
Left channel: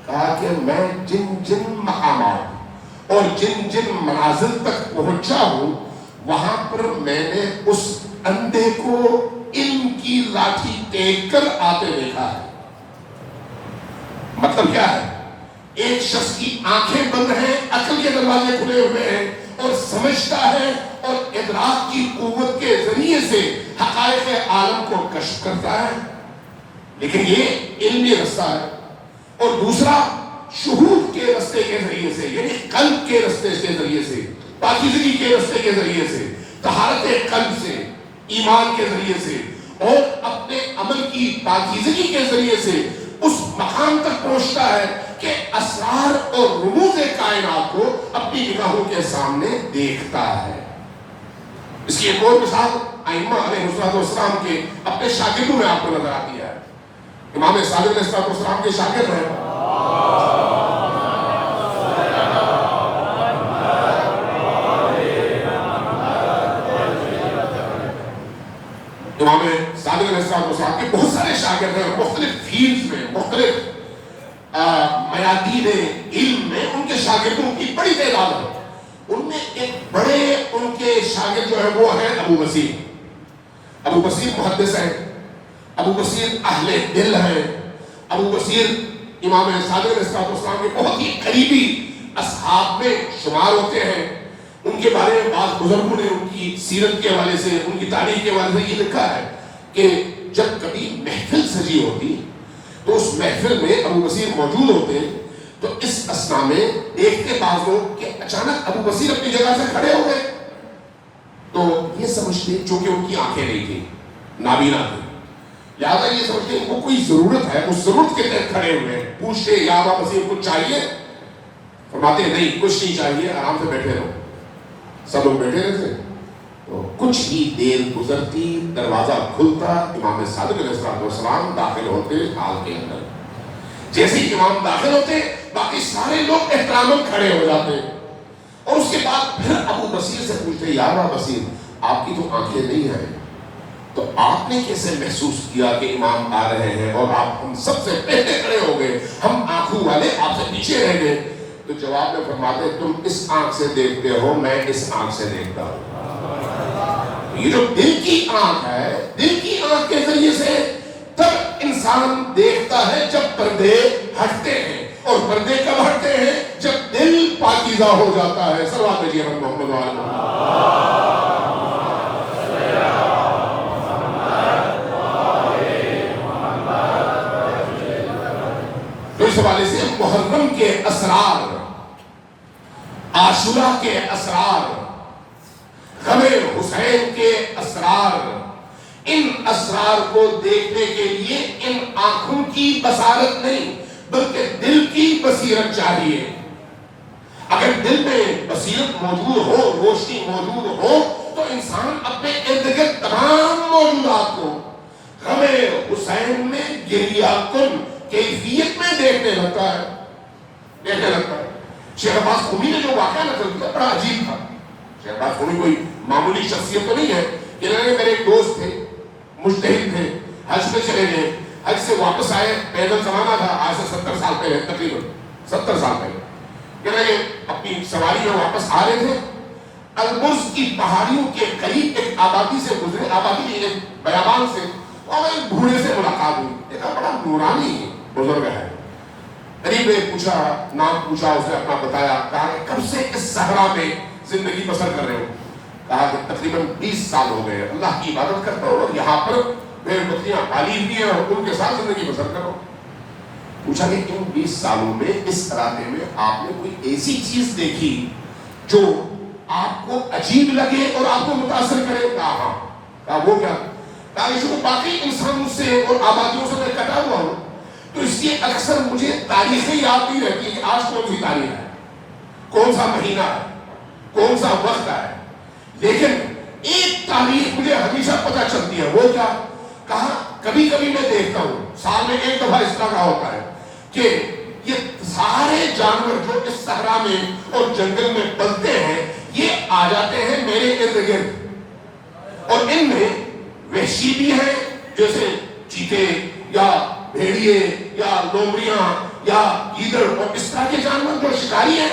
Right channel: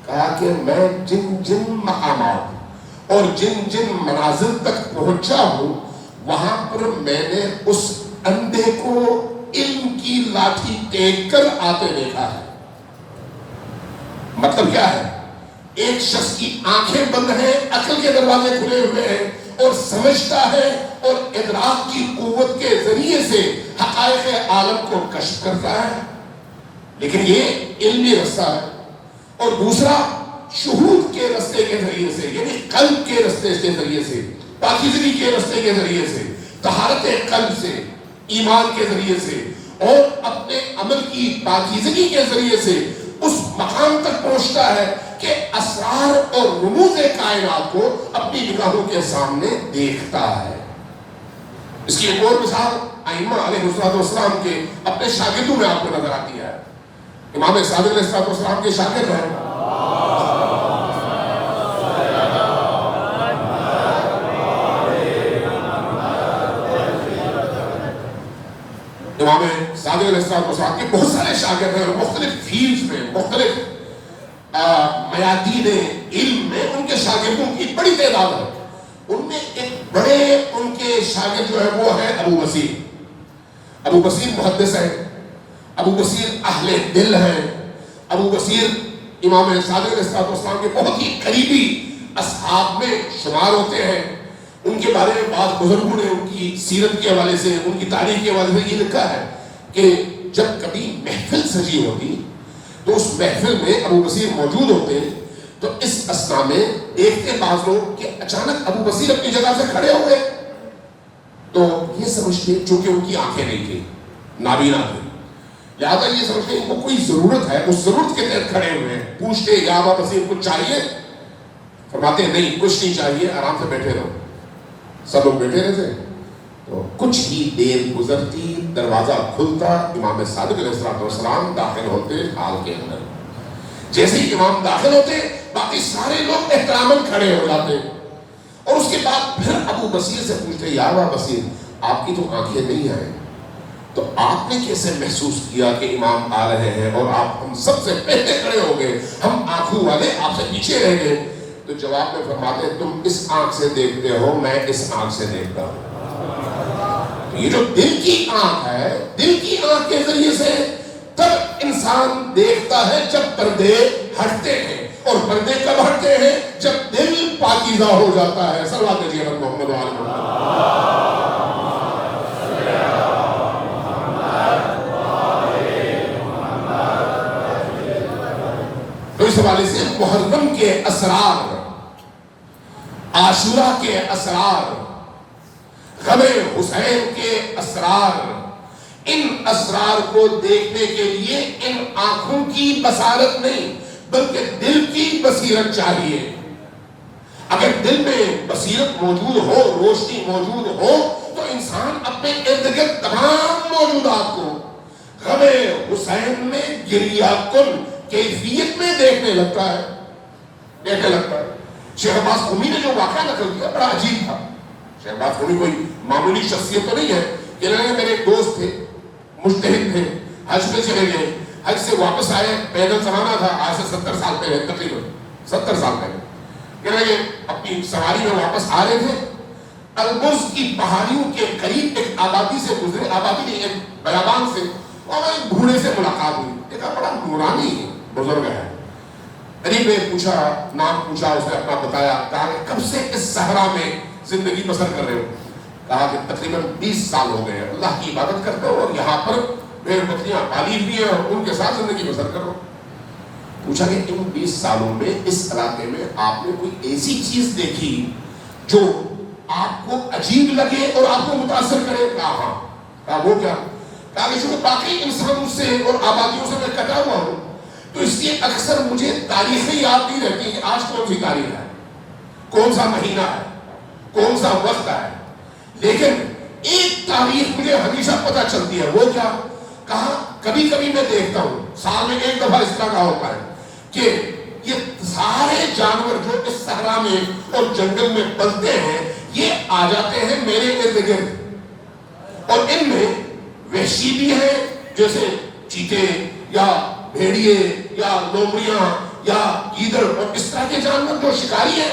کہا کہ میں جن جن مقامات اور جن جن منازل تک پہنچا ہوں وہاں پر میں نے اس اندھے کو علم کی لاٹھی ٹیک کر آتے دیکھا ہے. مطلب کیا ہے؟ ایک شخص کی آنکھیں بند ہیں, عقل کے دروازے کھلے ہوئے ہیں, اور سمجھتا ہے اور ادراک کی قوت کے ذریعے سے حقائق عالم کو کشف کرتا ہے، لیکن یہ علمی رستہ ہے۔ اور دوسرا شہود کے رستے کے ذریعے سے، یعنی قلب کے رستے کے ذریعے سے، پاکیزگی کے رستے کے ذریعے سے، طہارت قلب سے، ایمان کے ذریعے سے اور اپنے عمل کی پاکیزگی کے ذریعے سے اس مقام تک پہنچتا ہے کہ اسرار اور رموز کائنات کو اپنی نگاہوں کے سامنے دیکھتا ہے۔ اس کی ایک اور مثال ائمہ علیہ السلام کے اپنے شاگردوں میں آپ کو نظر آتی ہے۔ امام صادق علیہ السلام کے شاگرد ہیں امام صادق علیہ السلام کے بہت سارے شاگرد ہیں، مختلف فیلڈز میں، مختلف میادین علم میں ان کے شاگردوں کی بڑی تعداد ہے۔ ان میں ایک بڑے ان کے شاگرد جو ہے وہ ہے ابو بصیر۔ ابو بصیر محدث ہیں، ابو بصیر اہل دل ہیں، ابو بصیر امام صادق علیہ السلام کے بہت ہی قریبی اصحاب میں شمار ہوتے ہیں۔ ان کے بارے میں بعض بزرگوں نے ان کی سیرت کے حوالے سے، ان کی تاریخ کے حوالے سے یہ لکھا ہے کہ جب کبھی محفل سجی ہوتی تو اس محفل میں ابو بصیر موجود ہوتے، تو اس اثنا میں دیکھتے بعض لوگ کہ اچانک ابو بصیر اپنی جگہ سے کھڑے ہوئے، تو یہ سمجھتے چونکہ ان کی آنکھیں نہیں تھی، نابینا تھی، لہٰذا یہ سمجھتے ان کو کوئی ضرورت ہے، اس ضرورت کے تحت کھڑے ہوئے ہیں۔ پوچھتے یا ابو بصیر کچھ چاہیے؟ فرماتے نہیں کچھ نہیں چاہیے، آرام سے بیٹھے رہو۔ سب لوگ بیٹھے رہتے، تو کچھ ہی دیر گزرتی، دروازہ کھلتا، امام صادق علیہ السلام داخل ہوتے حال کے اندر۔ جیسے ہی امام داخل ہوتے باقی سارے لوگ احتراماً کھڑے ہو جاتے، اور اس کے بعد پھر ابو بصیر سے پوچھتے یا ابو بصیر آپ کی تو آنکھیں نہیں آئیں، تو آپ نے کیسے محسوس کیا کہ امام آ رہے ہیں اور آپ ہم سب سے پہلے کھڑے ہو گئے، ہم آنکھوں والے آپ سے پیچھے رہ گئے؟ تو جواب میں فرماتے تم اس آنکھ سے دیکھتے ہو، میں اس آنکھ سے دیکھتا ہوں۔ یہ جو دل کی آنکھ ہے، دل کی آنکھ کے ذریعے سے تب انسان دیکھتا ہے جب پردے ہٹتے ہیں، اور پردے کب ہٹتے ہیں؟ جب دل پاکیزہ ہو جاتا ہے۔ صلوات بھیجیے محمد وعلیہ تو اس حوالے سے محرم کے اسرار، عاشورہ کے اسرار، غم حسین کے اسرار، ان اسرار کو دیکھنے کے لیے ان آنکھوں کی بصارت نہیں بلکہ دل کی بصیرت چاہیے۔ اگر دل میں بصیرت موجود ہو، روشنی موجود ہو، تو انسان اپنے ارد گرد تمام موجودات کو غم حسین میں گریہ کن کیفیت میں دیکھنے لگتا ہے۔ شیخ عباس قمی نے جو واقعہ نقل کیا بڑا عجیب تھا۔ شیخ عباس قمی کوئی معمولی شخصیت تو نہیں ہے، کہ میرے ایک دوست تھے، مجتہد تھے، حج پہ چلے گئے، حج سے واپس آئے، پیدل چلانا تھا، آج سے 70 سال پہلے، تقریباً 70 سال پہلے، یہ اپنی سواری میں واپس آ رہے تھے، البرز کی پہاڑیوں کے قریب ایک آبادی سے گزرے، آبادی نہیں ایک بیابان سے، اور ایک بوڑھے سے ملاقات ہوئی، دیکھا بڑا نورانی بزرگ ہے، قریب میں پوچھا، نام پوچھا، اس نے اپنا بتایا، کہا کہ کب سے اس صحرا میں زندگی بسر کر رہے ہو؟ کہا کہ تقریباً 20 سال ہو گئے، اللہ کی عبادت کرتا ہوں اور یہاں پر بھیڑ بکریاں پالی ہوئی ہیں اور ان کے ساتھ زندگی بسر کرو۔ پوچھا کہ ان 20 سالوں میں اس علاقے میں آپ نے کوئی ایسی چیز دیکھی جو آپ کو عجیب لگے اور آپ کو متاثر کرے؟ کہا ہاں۔ کہا وہ کیا؟ کہا کہ باقی انسانوں سے اور آبادیوں سے میں کٹا ہوا ہوں، تو اس لیے اکثر مجھے تاریخیں یاد نہیں رہتی کہ آج کون سی تاریخ ہے، کون سا مہینہ ہے، کون سا وقت ہے، لیکن ایک تاریخ مجھے ہمیشہ پتہ چلتی ہے۔ وہ کیا؟ کہا کبھی کبھی میں دیکھتا ہوں، سال میں ایک دفعہ اس طرح کا ہوتا ہے کہ یہ سارے جانور جو اس صحرا میں اور جنگل میں پلتے ہیں، یہ آ جاتے ہیں میرے ارد گرد، اور ان میں وحشی بھی ہیں جیسے چیتے یا بھیڑیے یا لومڑیاں یا گیدڑ اور اس طرح کے جانور جو شکاری ہیں،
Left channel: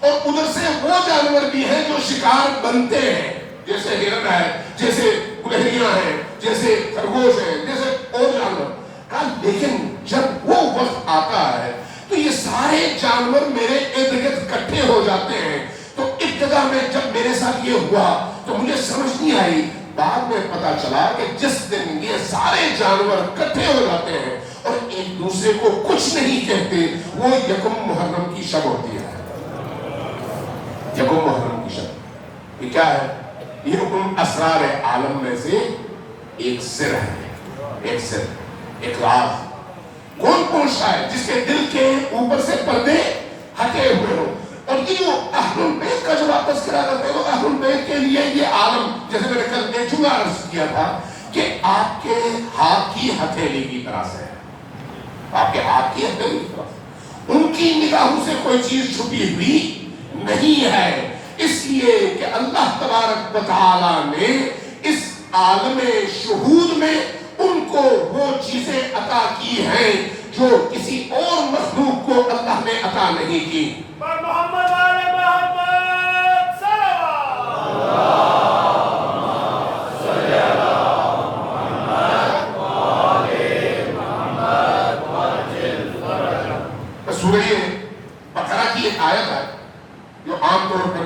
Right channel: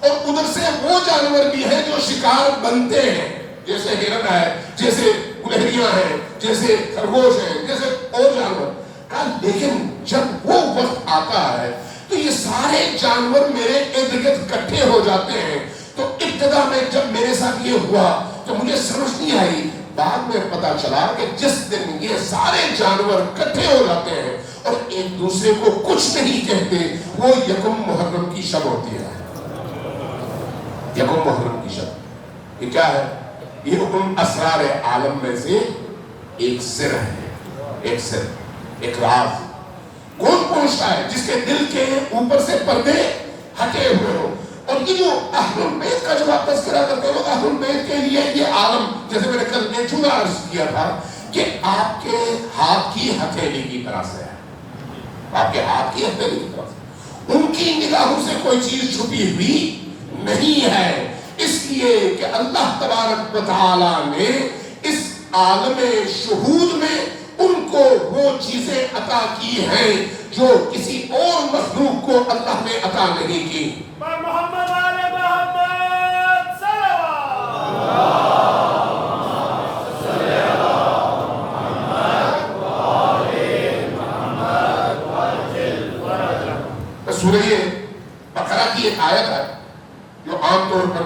اور ادھر سے وہ جانور بھی ہیں جو شکار بنتے ہیں، جیسے ہرن ہے، جیسے گلہریاں ہیں، جیسے خرگوش ہیں، جیسے اور جانور۔ لیکن جب وہ وقت آتا ہے تو یہ سارے جانور میرے ارد گرد اکٹھے ہو جاتے ہیں، تو ابتدا میں کہ جب میرے ساتھ یہ ہوا تو مجھے سمجھ نہیں آئی، بعد میں پتا چلا کہ جس دن یہ سارے جانور اکٹھے ہو جاتے ہیں اور ایک دوسرے کو کچھ نہیں کہتے، وہ یکم محرم کی شب ہوتی ہے۔ یکم محرم کی شب یہ کیا ہے؟ یہ حکم اسرار عالم میں سے ایک سر ہے، ایک سر، ایک راز۔ کون پوچھتا ہے؟ جس کے دل کے اوپر سے پردے ہٹے ہوئے ہو۔ اور یہ جو اہل البیت کا جو واپس کرا کرتے ہیں، اہل البیت کے لیے یہ عالم، جیسے میں نے کل ایک جملہ عرض کیا تھا کہ آپ کے ہاتھ کی ہتھیلی کی طرح سے ہے، آپ کے ہاتھ کی ہتھیلی کی طرح سے، ان کی نگاہوں سے کوئی چیز چھپی ہوئی نہیں ہے، اس لیے کہ اللہ تبارک و تعالی نے اس عالم شہود میں ان کو وہ چیزیں عطا کی ہیں جو کسی اور مخلوق کو اللہ نے عطا نہیں کی۔ محمد آل محمد سورہ بقرہ کی ایک آیت ہے جو عام طور پر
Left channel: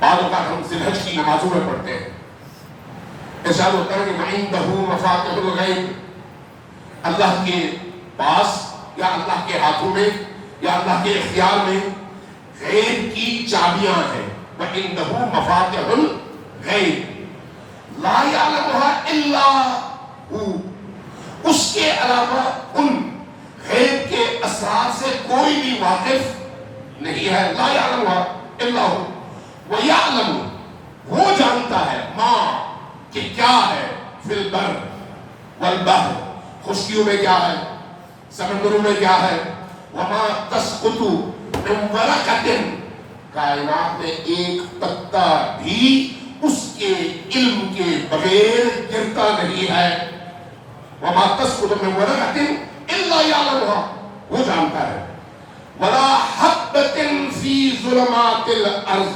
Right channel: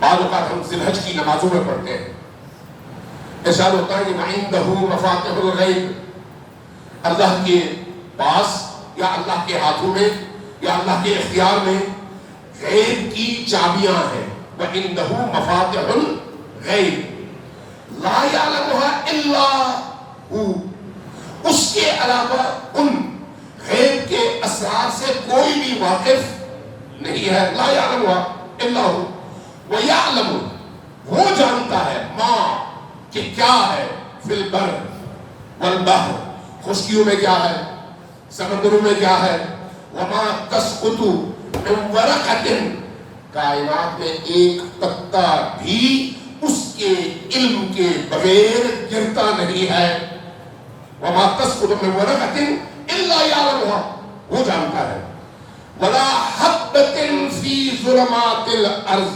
بعض اوقات ہم ذی الحج کی نمازوں میں پڑھتے ہیں۔ ارشاد ہوتا ہے کہ وَعِندَهُ مَفَاتِحُ الْغَیْبِ، اللہ کے پاس یا اللہ کے ہاتھوں میں یا اللہ کے اختیار میں غیب کی چابیاں ہیں۔ وَعِندَهُ مَفَاتِحُ الْغَیْبِ لَا يَعْلَمُهَا إِلَّا هُوَ، اس کے علاوہ ان غیب کے اسرار سے کوئی بھی واقف نہیں ہے۔ لا يعلمها إِلَّا هُوَ وَيَعْلَمُ، وہ جانتا ہے ما کہ کیا ہے فی البر والبحر، خشکیوں میں کیا ہے، سمندروں میں کیا ہے، وما تسقط من ورقۃ، کائنات میں ایک پتا بھی اس کے علم کے بغیر گرتا نہیں ہے۔ وما تسقط من ورقۃ الا یعلمها، وہ جانتا ہے۔ ولا حبۃ فی ظلمات الارض،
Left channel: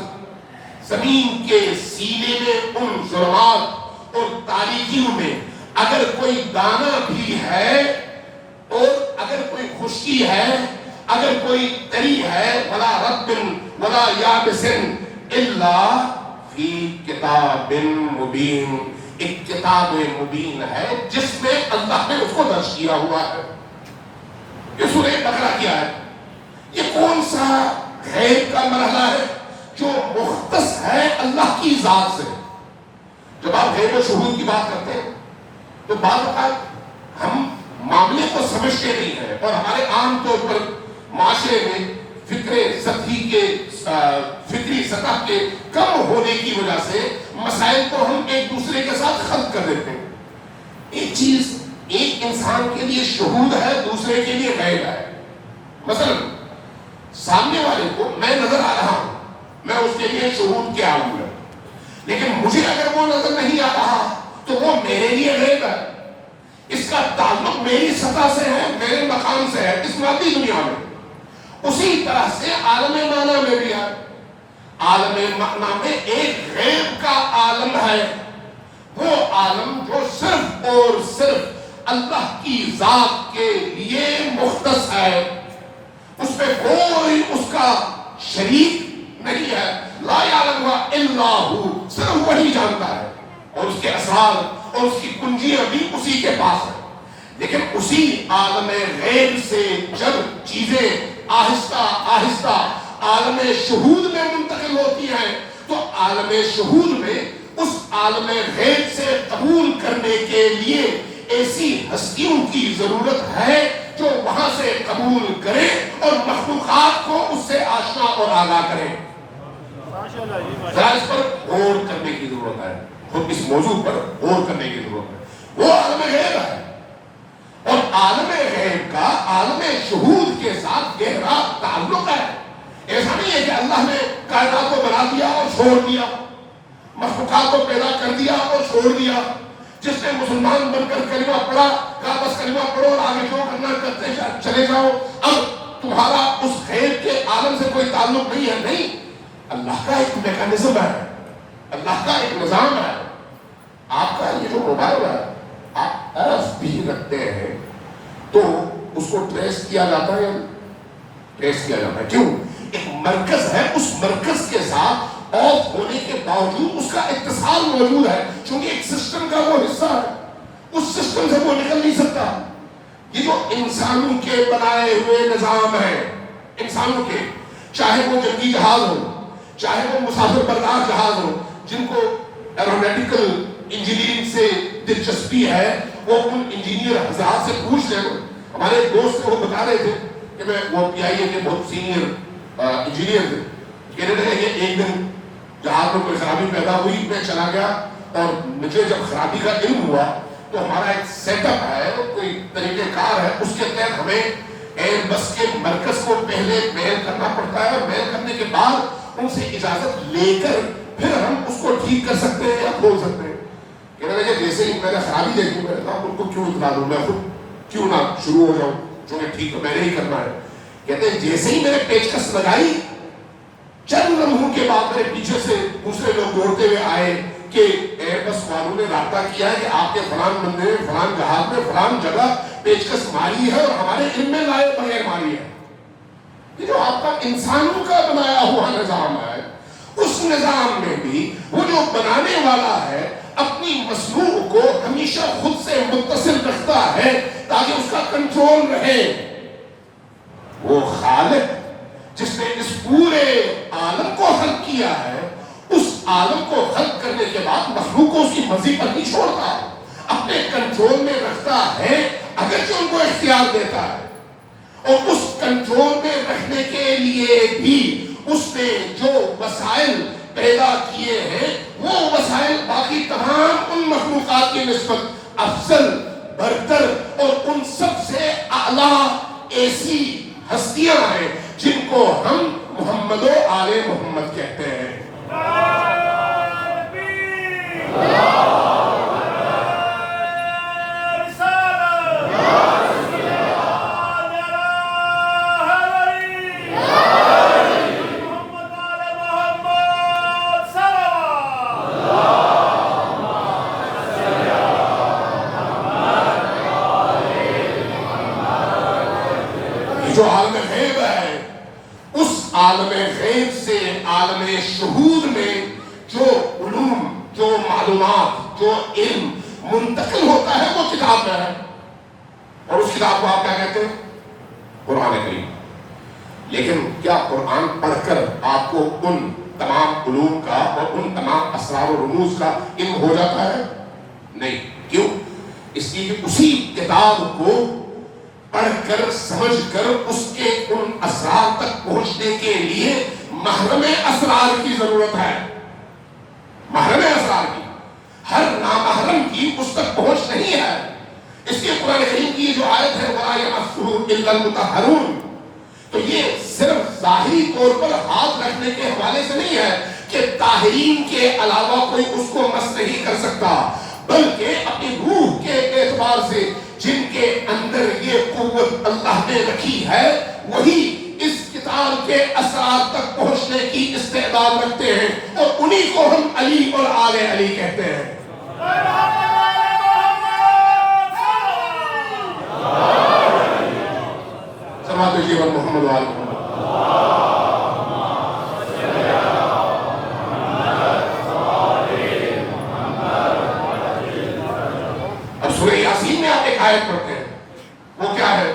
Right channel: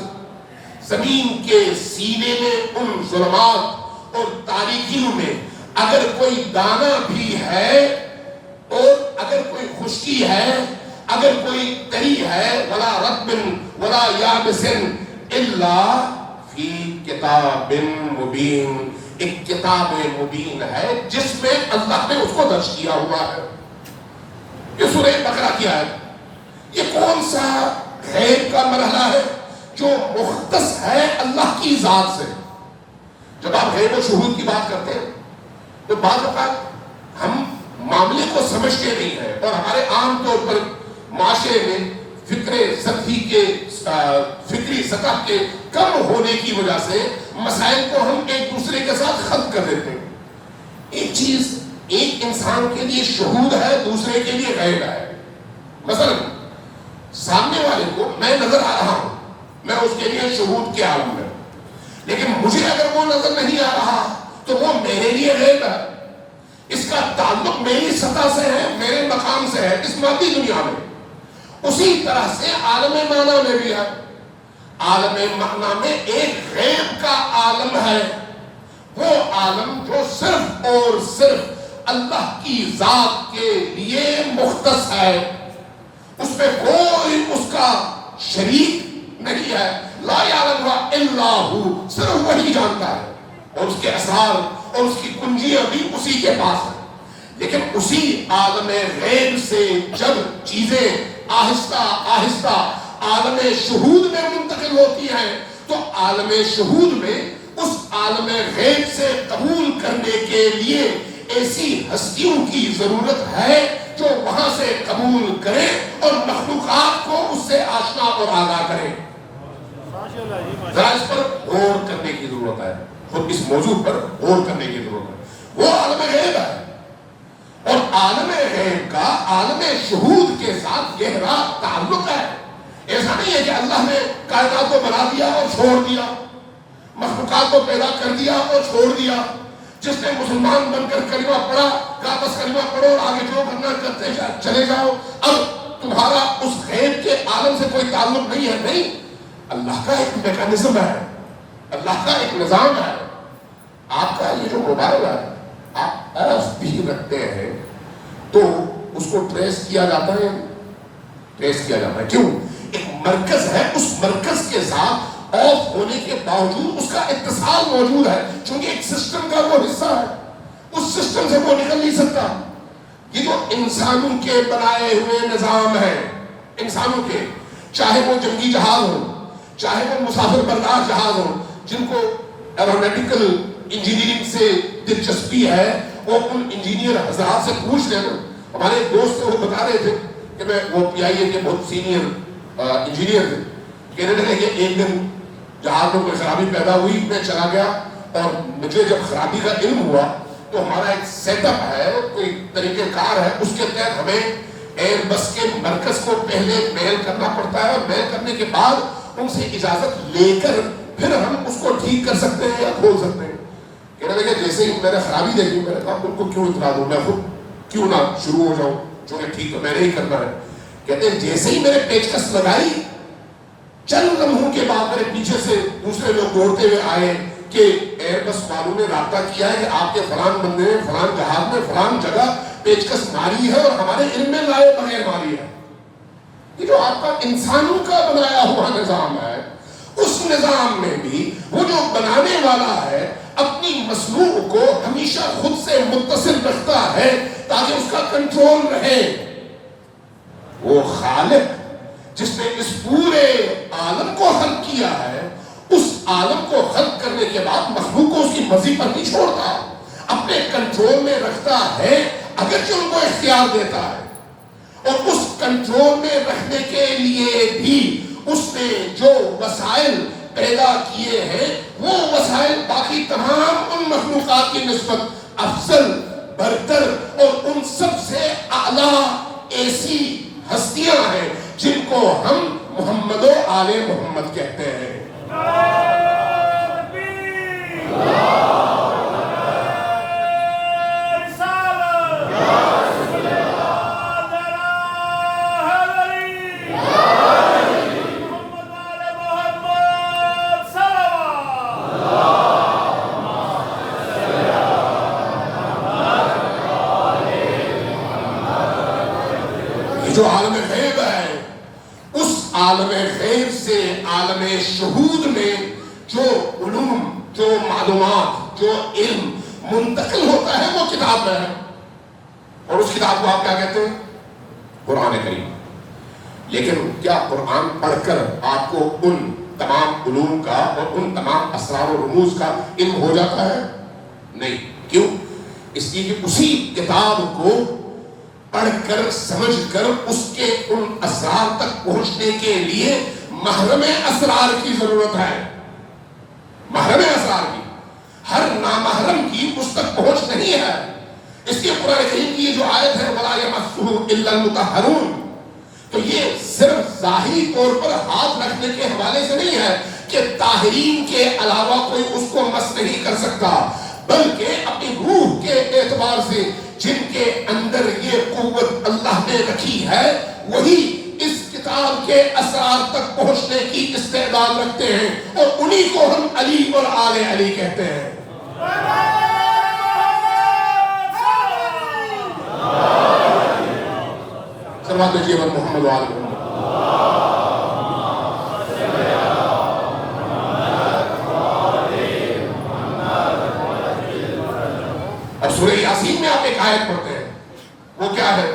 زمین کے سینے میں ان ظلمات اور تاریکیوں میں اگر کوئی دانہ بھی ہے اور اگر کوئی خشکی ہے، اگر کوئی تری ہے، ولا رب ولا یابس الا فی کتاب مبین، ایک کتاب مبین ہے جس میں اللہ نے اس کو درج کیا ہوا ہے۔ یہ سورہ بقرہ کی ہے۔ یہ کون سا غیب کا مرحلہ ہے جو مختص ہے اللہ کی ذات سے؟ جب آپ غیب و شہود کی بات کرتے ہیں تو بعض اوقات ہم معاملے کو سمجھتے نہیں ہیں، اور ہمارے عام طور پر معاشرے میں فکری سطح کے کم ہونے کی وجہ سے مسائل کو ہم ایک دوسرے کے ساتھ خلط کر دیتے ہیں۔ ایک چیز ایک انسان کے لیے شہود ہے، دوسرے کے لیے غیب ہے۔ مثلا سامنے والے کو میں نظر آ رہا ہوں، میں اس کے لیے شہود کیا ہوں میں، لیکن مجھے اگر وہ نظر نہیں آ رہا تو وہ میرے لیے غیب ہے۔ اس کا تعلق میری سطح سے ہے، میرے مقام سے ہے اس مادی دنیا میں۔ اسی طرح سے عالم معنی میں بھی ہے۔ عالم معنی میں ایک غیب کا عالم ہے، وہ عالم جو صرف اور صرف اللہ کی ذات کے لیے مختص ہے، اس پہ کوئی اس کا شریک نہیں ہے۔ لا یعلمها الا هو، صرف وہی جانتا ہے، اور اس کے اسرار اور اس کی کنجیاں بھی اسی کے پاس ہیں۔ لیکن اسی عالم غیب سے جب چیزیں آہستہ آہستہ عالم شہود میں منتقل ہوتی ہیں تو عالم شہود میں اس عالم غیب سے قبول کرنے کے لیے ایسی ہستیوں کی ضرورت ہے جو وہاں سے قبول کریں اور مخلوقات کو اس سے آشنا اور آگاہ کریں۔ ذرا اس پر غور کرنے کی ضرورت ہے، اور اس موضوع پر غور کرنے کی ضرورت ہے۔ وہ عالم غیب ہے، اور عالم غیب کا عالم شہود کے ساتھ گہرا تعلق ہے۔ ایسا نہیں ہے کہ اللہ نے کائنات کو بنا دیا اور چھوڑ دیا، مخلوقات کو پیدا کر دیا اور چھوڑ دیا۔ جس نے مسلمان بن کر کلمہ پڑھا کہا بس کلمہ پڑھو اور آگے جو کرنا کرتے چلے جاؤ، اب تمہارا اس غیب کے عالم سے کوئی تعلق نہیں ہے۔ نہیں، اللہ کا ایک میکانزم ہے، اللہ کا ایک نظام ہے۔ آپ کا یہ جو موبائل ہے، آپ آف بھی رکھتے ہیں تو اس کو ٹریس کیا جاتا ہے، ٹریس کیا جاتا ہے۔ کیوں؟ ایک مرکز ہے، اس مرکز کے ساتھ آف ہونے کے باوجود اس کا اتصال موجود ہے، چونکہ ایک سسٹم کا وہ حصہ ہے، اس سسٹم سے وہ نکل نہیں سکتا۔ یہ جو انسانوں کے بنائے ہوئے نظام ہیں، انسانوں کے، چاہے وہ جنگی جہاز ہو، چاہے وہ مسافر بردار جہاز ہو، جن کو ایروناٹیکل انجینئرنگ سے دلچسپی ہے، وہ ان انجینئر حضرات سے پوچھ لیں۔ ہمارے ایک دوست وہ بتا رہے تھے کہ وہ پی آئی اے کے بہت سینئر انجینئر تھے، کہہ رہے تھے کہ ایک دن جہاز میں کوئی خرابی پیدا ہوئی، میں چلا گیا اور مجھے جب خرابی کا علم ہوا تو ہمارا ایک سیٹ اپ ہے، کوئی طریقہ کار ہے، اس کے تحت ہمیں ایئر بس کے مرکز کو پہلے میل کرنا پڑتا ہے، میل کرنے کے بعد ان سے اجازت لے کر پھر ہم اس کو ٹھیک کر سکتے ہیں یا کھول سکتے ہیں۔ کہنے لگے جیسے ہی میں نے خرابی دیکھی، میں نے کہا ان کو کیوں اطلاع دوں، میں خود کیوں نہ شروع ہو جاؤں، چونکہ ٹھیک تو میں نے ہی کرنا ہے۔ کہتے ہیں جیسے ہی میں نے پیچکس لگائی، چند لمحوں کے بعد میرے پیچھے سے دوسرے لوگ دوڑتے ہوئے آئے کہ ایئر بس والوں نے رابطہ کیا ہے کہ آپ کے فلان بندے نے فلان جہاز میں فلان جگہ پیچکس ماری ہے اور ہمارے علم میں لائے بغیر ماری ہے۔ یہ جو آپ کا انسانوں کا بنایا ہوا نظام ہے، اس نظام میں بھی وہ جو بنانے والا ہے اپنی مصنوع کو ہمیشہ خود سے متصل رکھتا ہے تاکہ اس کا کنٹرول رہے۔ وہ خالق جس نے اس پورے عالم کو خلق کیا ہے، اس عالم کو خلق کرنے کے بعد مخلوق کو اس کی مرضی پر نہیں چھوڑتا، اپنے کنٹرول میں رکھتا ہے، اگرچہ ان کو اختیار دیتا ہے۔ اور اس کنٹرول میں رکھنے کے لیے بھی اس نے جو وسائل پیدا کیے ہیں، وہ وسائل باقی تمام ان مخلوقات کی نسبت افضل، برتر اور ان سب سے اعلیٰ ایسی ہستیاں ہیں جن کو ہم محمد و آل محمد کہتے ہیں۔ جو عالم غیب ہے، اس عالم غیب سے عالم شہود میں جو علوم، جو معلومات، جو علم منتقل ہوتا ہے وہ کتاب میں ہے، اور اس کتاب کو آپ کیا کہتے ہیں؟ قرآن کریم۔ لیکن کیا قرآن پڑھ کر آپ کو ان تمام علوم کا اور ان تمام اسرار و رموز کا علم ہو جاتا ہے؟ نہیں۔ کیوں؟ اس لیے کہ اسی کتاب کو پڑھ کر سمجھ کر اس کے ان اسرار تک پہنچنے کے لیے محرم اسرار کی ضرورت ہے، محرم اسرار کی۔ ہر نامحرم کی اس تک پہنچ نہیں ہے۔ اس کے قرآن کریم کی جو آیت ہے وَلَا يَمَسُّهُ إِلَّا الْمُطَهَّرُونَ، تو یہ صرف ظاہری طور پر ہاتھ رکھنے کے حوالے سے نہیں ہے کہ طاہرین کے علاوہ کوئی اس کو مس نہیں کر سکتا، بلکہ اپنی روح کے اعتبار سے جن کے اندر یہ قوت اللہ نے رکھی ہے وہی اس کتاب کے اسرار تک پہنچنے کی استعداد رکھتے ہیں، اور انہی کو ہم علی اور آل علی کہتے ہیں۔ سلوات بھیجیے بر محمد و آل محمد۔ اب سورہ یاسین میں آپ ایک آیت پڑھتے ہیں، وہ کیا ہے؟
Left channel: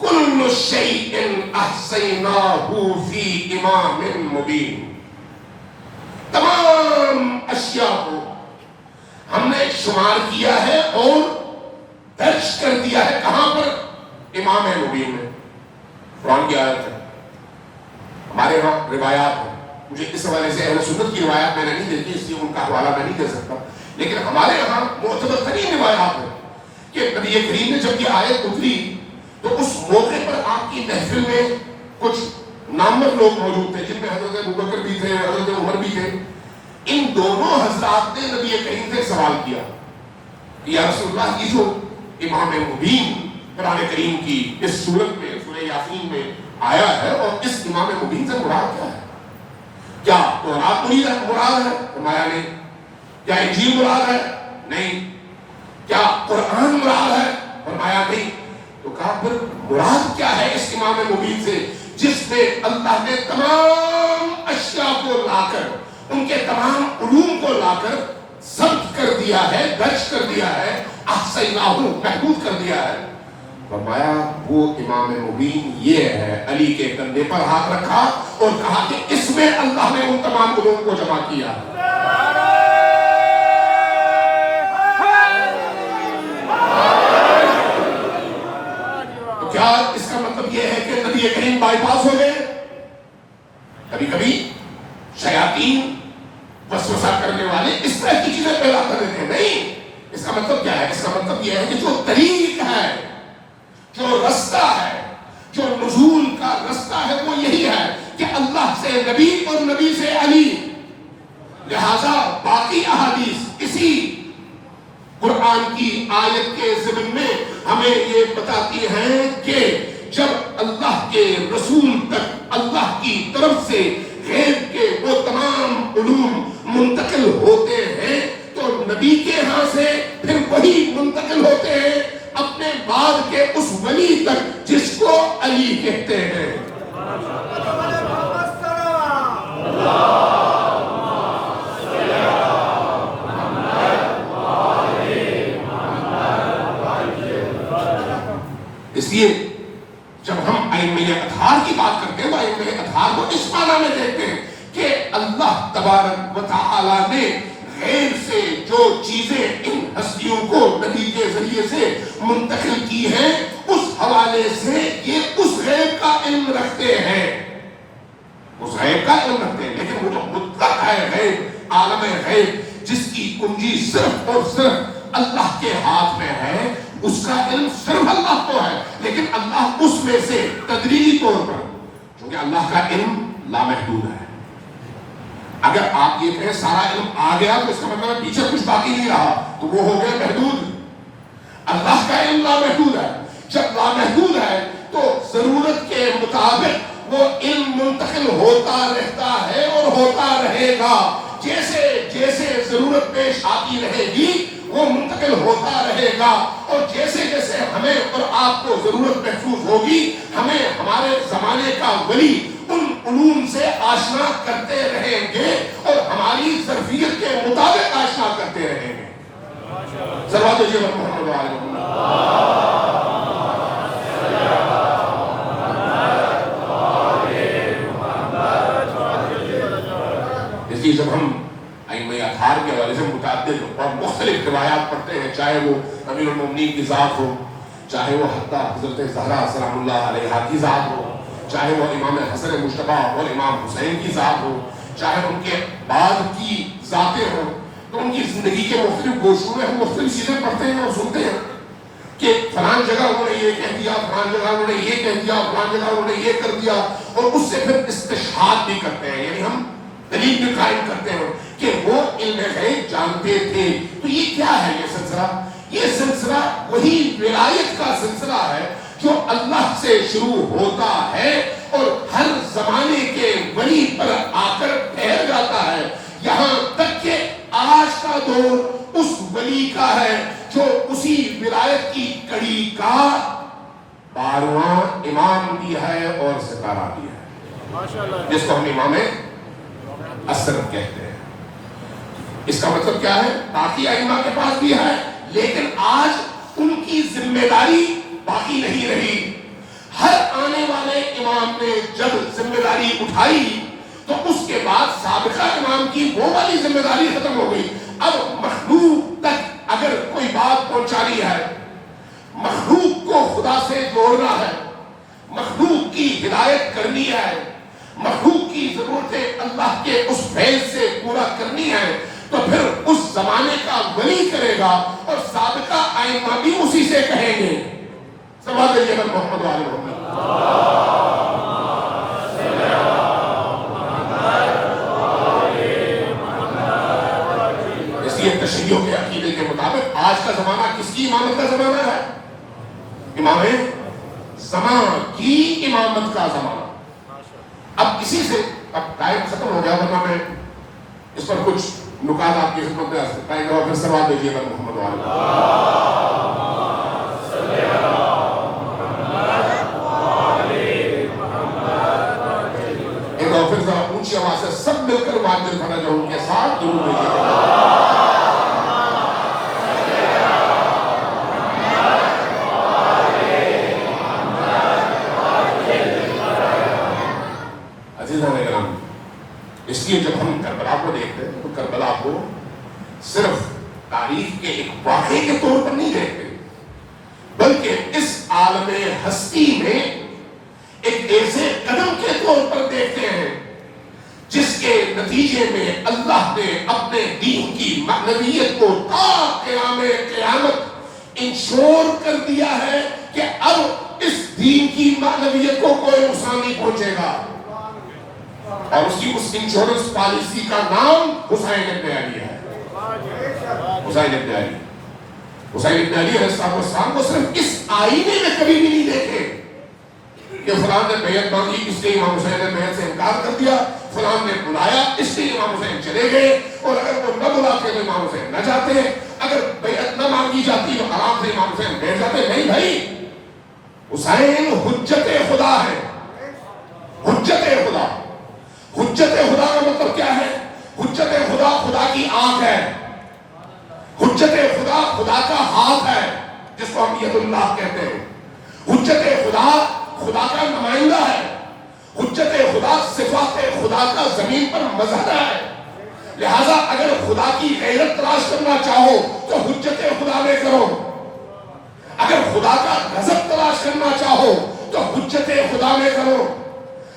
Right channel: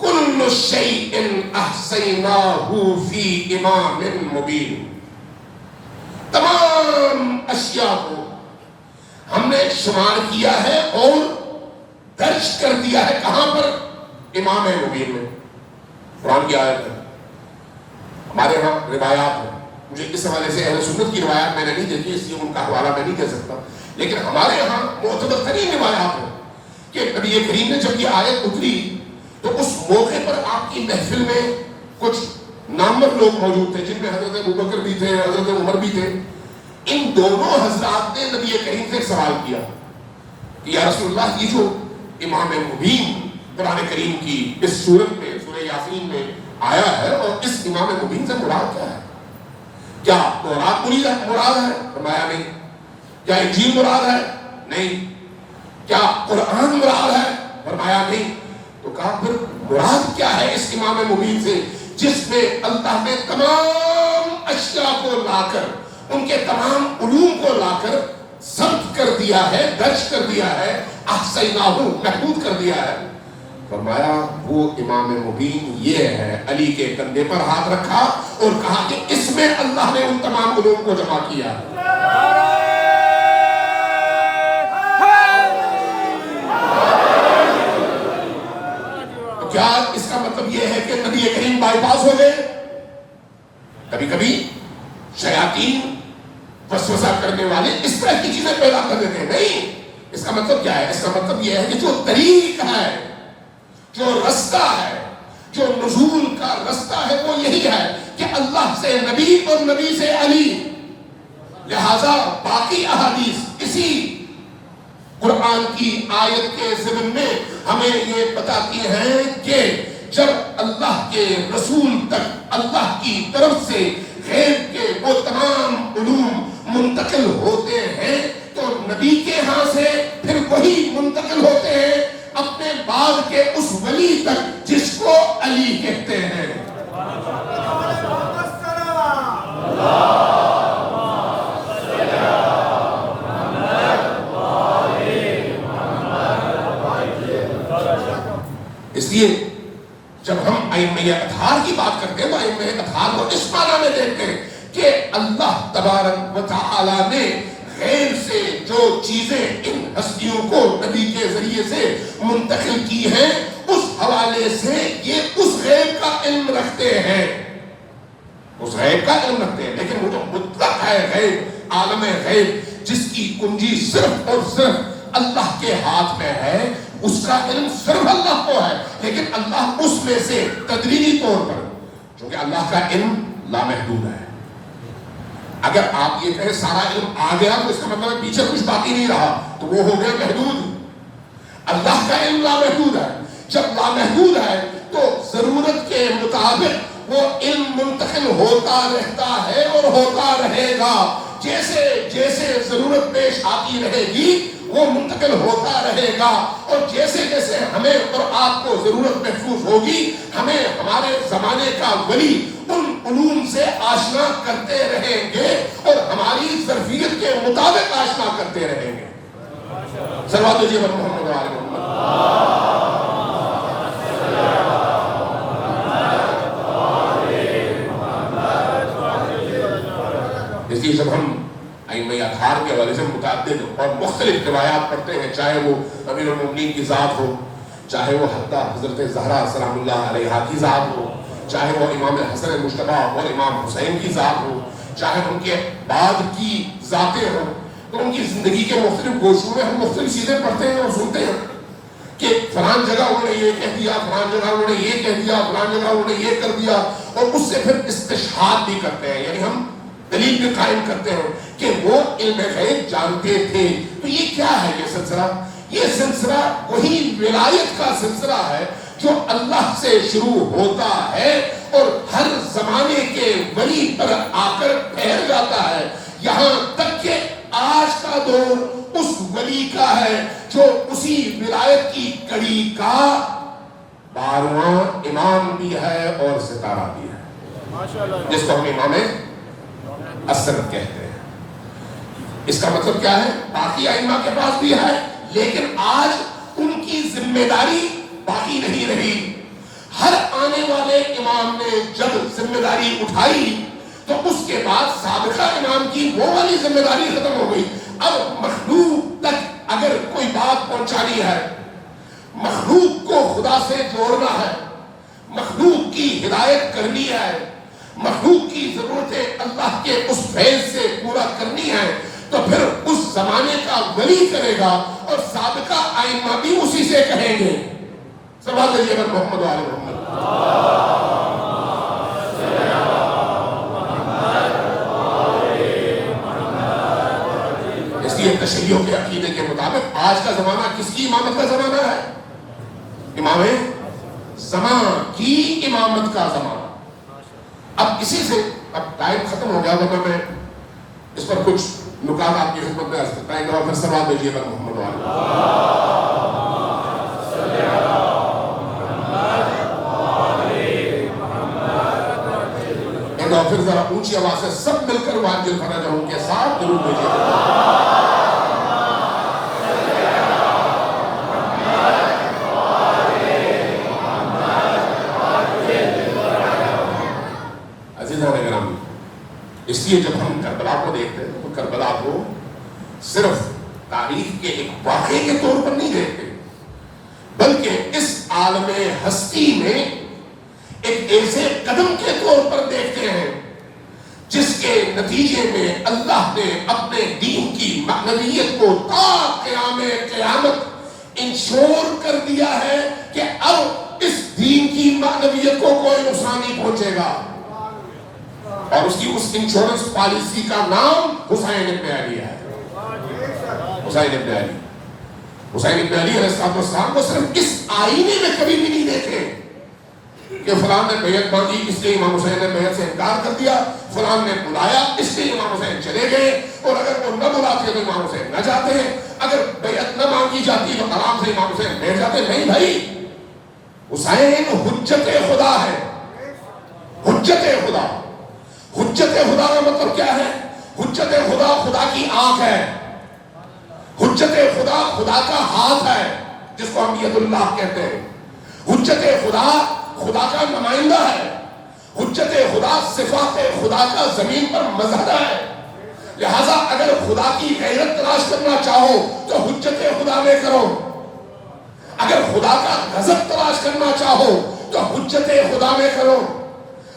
کل شیء احصیناہ فی امام مبین، تمام اشیاء کو ہم نے شمار کیا ہے اور درج کر دیا ہے، کہاں پر؟ امام مبین میں۔ قرآن کی آیت ہے، ہمارے یہاں روایات ہیں، مجھے اس حوالے سے اہل سنت کی روایات میں نے نہیں دیکھی اس لیے ان کا حوالہ میں نہیں دے سکتا، لیکن ہمارے یہاں معتبر ترین روایات ہیں کہ نبی کریم نے جب یہ آیت اتری تو اس موقع پر آپ کی محفل میں کچھ نامور لوگ موجود تھے، جن میں حضرت ابوبکر بھی تھے، حضرت عمر بھی تھے۔ ان دونوں حضرات نے نبی کریم سے سوال کیا کہ یا رسول اللہ، یہ جو امام مبین قرآن کریم کی اس سورت میں سورہ یاسین میں آیا ہے، اور اس امام مبین سے مراد کیا ہے؟ کیا تورات مراد ہے؟ فرمایا نہیں۔ کیا انجیل مراد ہے؟ نہیں۔ کیا قرآن مراد ہے؟ فرمایا نہیں۔ تو کہا پھر مراد کیا ہے اس امام مبین سے جس میں اللہ نے تمام اشیاء کو لا کر ان کے تمام علوم کو لا کر ضبط کر دیا ہے، درج کر دیا ہے، احصیناہ محفوظ کر دیا ہے. فرمایا وہ امام مبین یہ ہے. علی کے کندھے پر ہاتھ رکھا اور کہا کہ اس میں اللہ نے ان تمام علوم کو جمع کیا. کیا اس کا مطلب یہ ہے کہ نبی کریم بائی پاس ہو گئے؟ کبھی کبھی شیاطین وسوسہ کرنے والے اس طرح کی چیزیں پیدا کر دیتے ہیں. نہیں، اس کا مطلب کیا ہے؟ اس کا مطلب یہ ہے کہ جو طریق ہے، جو رستہ ہے، جو نزول کا رستہ ہے، وہ یہی ہے کہ اللہ سے نبی اور نبی سے علی. لہذا باقی احادیث اسی قرآن کی آیت کے ضمن میں ہمیں یہ بتاتی ہیں کہ جب اللہ کے رسول تک اللہ کی طرف سے غیب کے وہ تمام علوم منتقل ہوتے ہیں تو نبی کے ہاں سے پھر وہی منتقل ہوتے ہیں اپنے بعد کے اس ولی تک جس کو علی کہتے ہیں. اس لیے جب ہم ائمہ اطہار کی بات کرتے ہیں تو ائمہ اطہار کو اس معنی میں دیکھتے ہیں کہ اللہ تبارک و تعالی نے غیب سے جو چیزیں ان ہستیوں کو نبی کے ذریعے سے منتقل کی ہیں اس حوالے سے یہ اس غیب کا علم رکھتے ہیں، اس غیب کا علم رکھتے ہیں. لیکن وہ جو مطلق ہے غیب، عالم غیب جس کی کنجی صرف اور صرف اللہ کے ہاتھ میں ہے، اس کا علم صرف اللہ کو ہے. لیکن اللہ اس میں سے تدریجی طور پر، چونکہ اللہ کا علم لامحدود ہے. اگر آپ یہ کہیں سارا علم آ گیا تو اس کا مطلب پیچھے کچھ باقی نہیں رہا تو وہ ہو گیا محدود. اللہ کا علم لامحدود ہے. جب لامحدود ہے تو ضرورت کے مطابق وہ علم منتقل ہوتا رہتا ہے اور ہوتا رہے گا. جیسے جیسے ضرورت پیش آتی رہے گی وہ منتقل ہوتا رہے گا، اور جیسے جیسے ہمیں اور آپ کو ضرورت محسوس ہوگی ہمیں ہمارے زمانے کا ولی ان علوم سے آشنا کرتے رہیں گے اور ہماری ظرفیت کے مطابق آشنا کرتے رہیں گے. صلوات اللہ علیہ محمد و آل محمد. اس لیے جب ہم ائمہ اطہار کے حوالے سے متعدد اور مختلف روایات پڑھتے ہیں، چاہے وہ امیر المومنین کی ذات ہو، چاہے وہ حتیٰ حضرت زہرا سلام اللہ علیہا کی ذات ہو، چاہے وہ امام حسن مجتبیٰ اور امام حسین کی ذات ہو، چاہے ان کے بعد کی ذاتیں ہوں، تو ان کی زندگی کے مختلف گوشوں میں ہم مختلف چیزیں پڑھتے ہیں اور سنتے ہیں کہ فلان جگہ انہوں نے یہ کہہ دیا، فلان جگہ انہوں نے یہ کہہ دیا، فلان جگہ انہوں نے یہ کر دیا، اور اس سے پھر استشہاد بھی کرتے ہیں، یعنی ہم دلیل بھی قائم کرتے ہیں کہ وہ علم غیب جانتے تھے. تو یہ کیا ہے یہ سلسلہ؟ یہ سلسلہ وہی ولایت کا سلسلہ ہے جو اللہ سے شروع ہوتا ہے اور ہر زمانے کے ولی پر آ کر ٹھہر جاتا ہے، یہاں تک کہ آج کا دور اس ولی کا ہے جو اسی ولایت کی کڑی کا 12واں امام بھی ہے اور ستارہ بھی ہے، جس کو ہم امام اثر کہتے ہیں. اس کا مطلب کیا ہے؟ باقی ائمہ کے پاس بھی ہے لیکن آج ان کی ذمہ داری باقی نہیں رہی. ہر آنے والے امام نے جب ذمہ داری اٹھائی تو اس کے بعد سابقہ امام کی وہ والی ذمہ داری ختم ہو گئی. اب مخلوق تک اگر کوئی بات پہنچانی ہے، مخلوق کو خدا سے جوڑنا ہے، مخلوق کی ہدایت کرنی ہے، مخلوق کی ضرورتیں اللہ کے اس فیض سے پورا کرنی ہے، تو پھر اس زمانے کا ولی کرے گا اور سابقہ ائمہ بھی اسی سے کہیں گے. صلوات اللہ علیہ محمد و آل محمد. اس لیے تشیع کے عقیدے کے مطابق آج کا زمانہ کس کی امامت کا زمانہ ہے؟ امام زمان کی امامت کا زمانہ. اب اسی سے اب ٹائم ختم ہو گیا، ورنہ میں اس پر کچھ نکات آپ کی خدمت میں پائیں گا اور پھر سوال دیجیے گا. محمد وعلیہ اونچی آواز سے سب مل کر واجب فرج ان کے ساتھ درود بھیجیے. عزیزان اکرام، اس لیے جب ہم کربلا کو دیکھتے ہیں تو کربلا کو صرف تاریخ کے ایک واقعے کے طور پر نہیں دیکھتے، بلکہ اس عالم ہستی میں ایک ایسے قدم کے طور پر دیکھتے ہیں جس کے نتیجے میں اللہ نے اپنے دین کی معنویت کو تا قیام قیامت انشور کر دیا ہے کہ اب اس دین کی معنویت کو کوئی نقصان نہیں پہنچے گا. اور اس کی اس انشورنس پالیسی کا نام حسین ابن علی ہے. حسین ابن علی، حسین ابن علی علیہ السلام کو صرف اس آئینے میں کبھی بھی نہیں دیکھے کہ فلاں نے بیعت مانگی اس لیے امام حسین نے بیعت سے انکار کر دیا، فلاں نے بلایا اس لیے امام حسین چلے گئے، اور اگر وہ نہ بلاتے تو امام حسین نہ جاتے، اگر بیعت نہ مانگی جاتی تو آرام سے امام حسین بیٹھ جاتے. نہیں بھائی، حسین حجت خدا ہے. حجت خدا، حجت خدا کا مطلب کیا ہے؟ حجت خدا خدا کی آنکھ ہے. حجت خدا خدا کا ہاتھ ہے جس کو ہم ید اللہ کہتے ہیں. حجت خدا خدا کا نمائندہ ہے. حجت خدا صفات خدا کا زمین پر مظہر ہے. لہذا اگر خدا کی غیرت تلاش کرنا چاہو تو حجت خدا میں کرو. اگر خدا کا غضب تلاش کرنا چاہو تو حجت خدا میں کرو.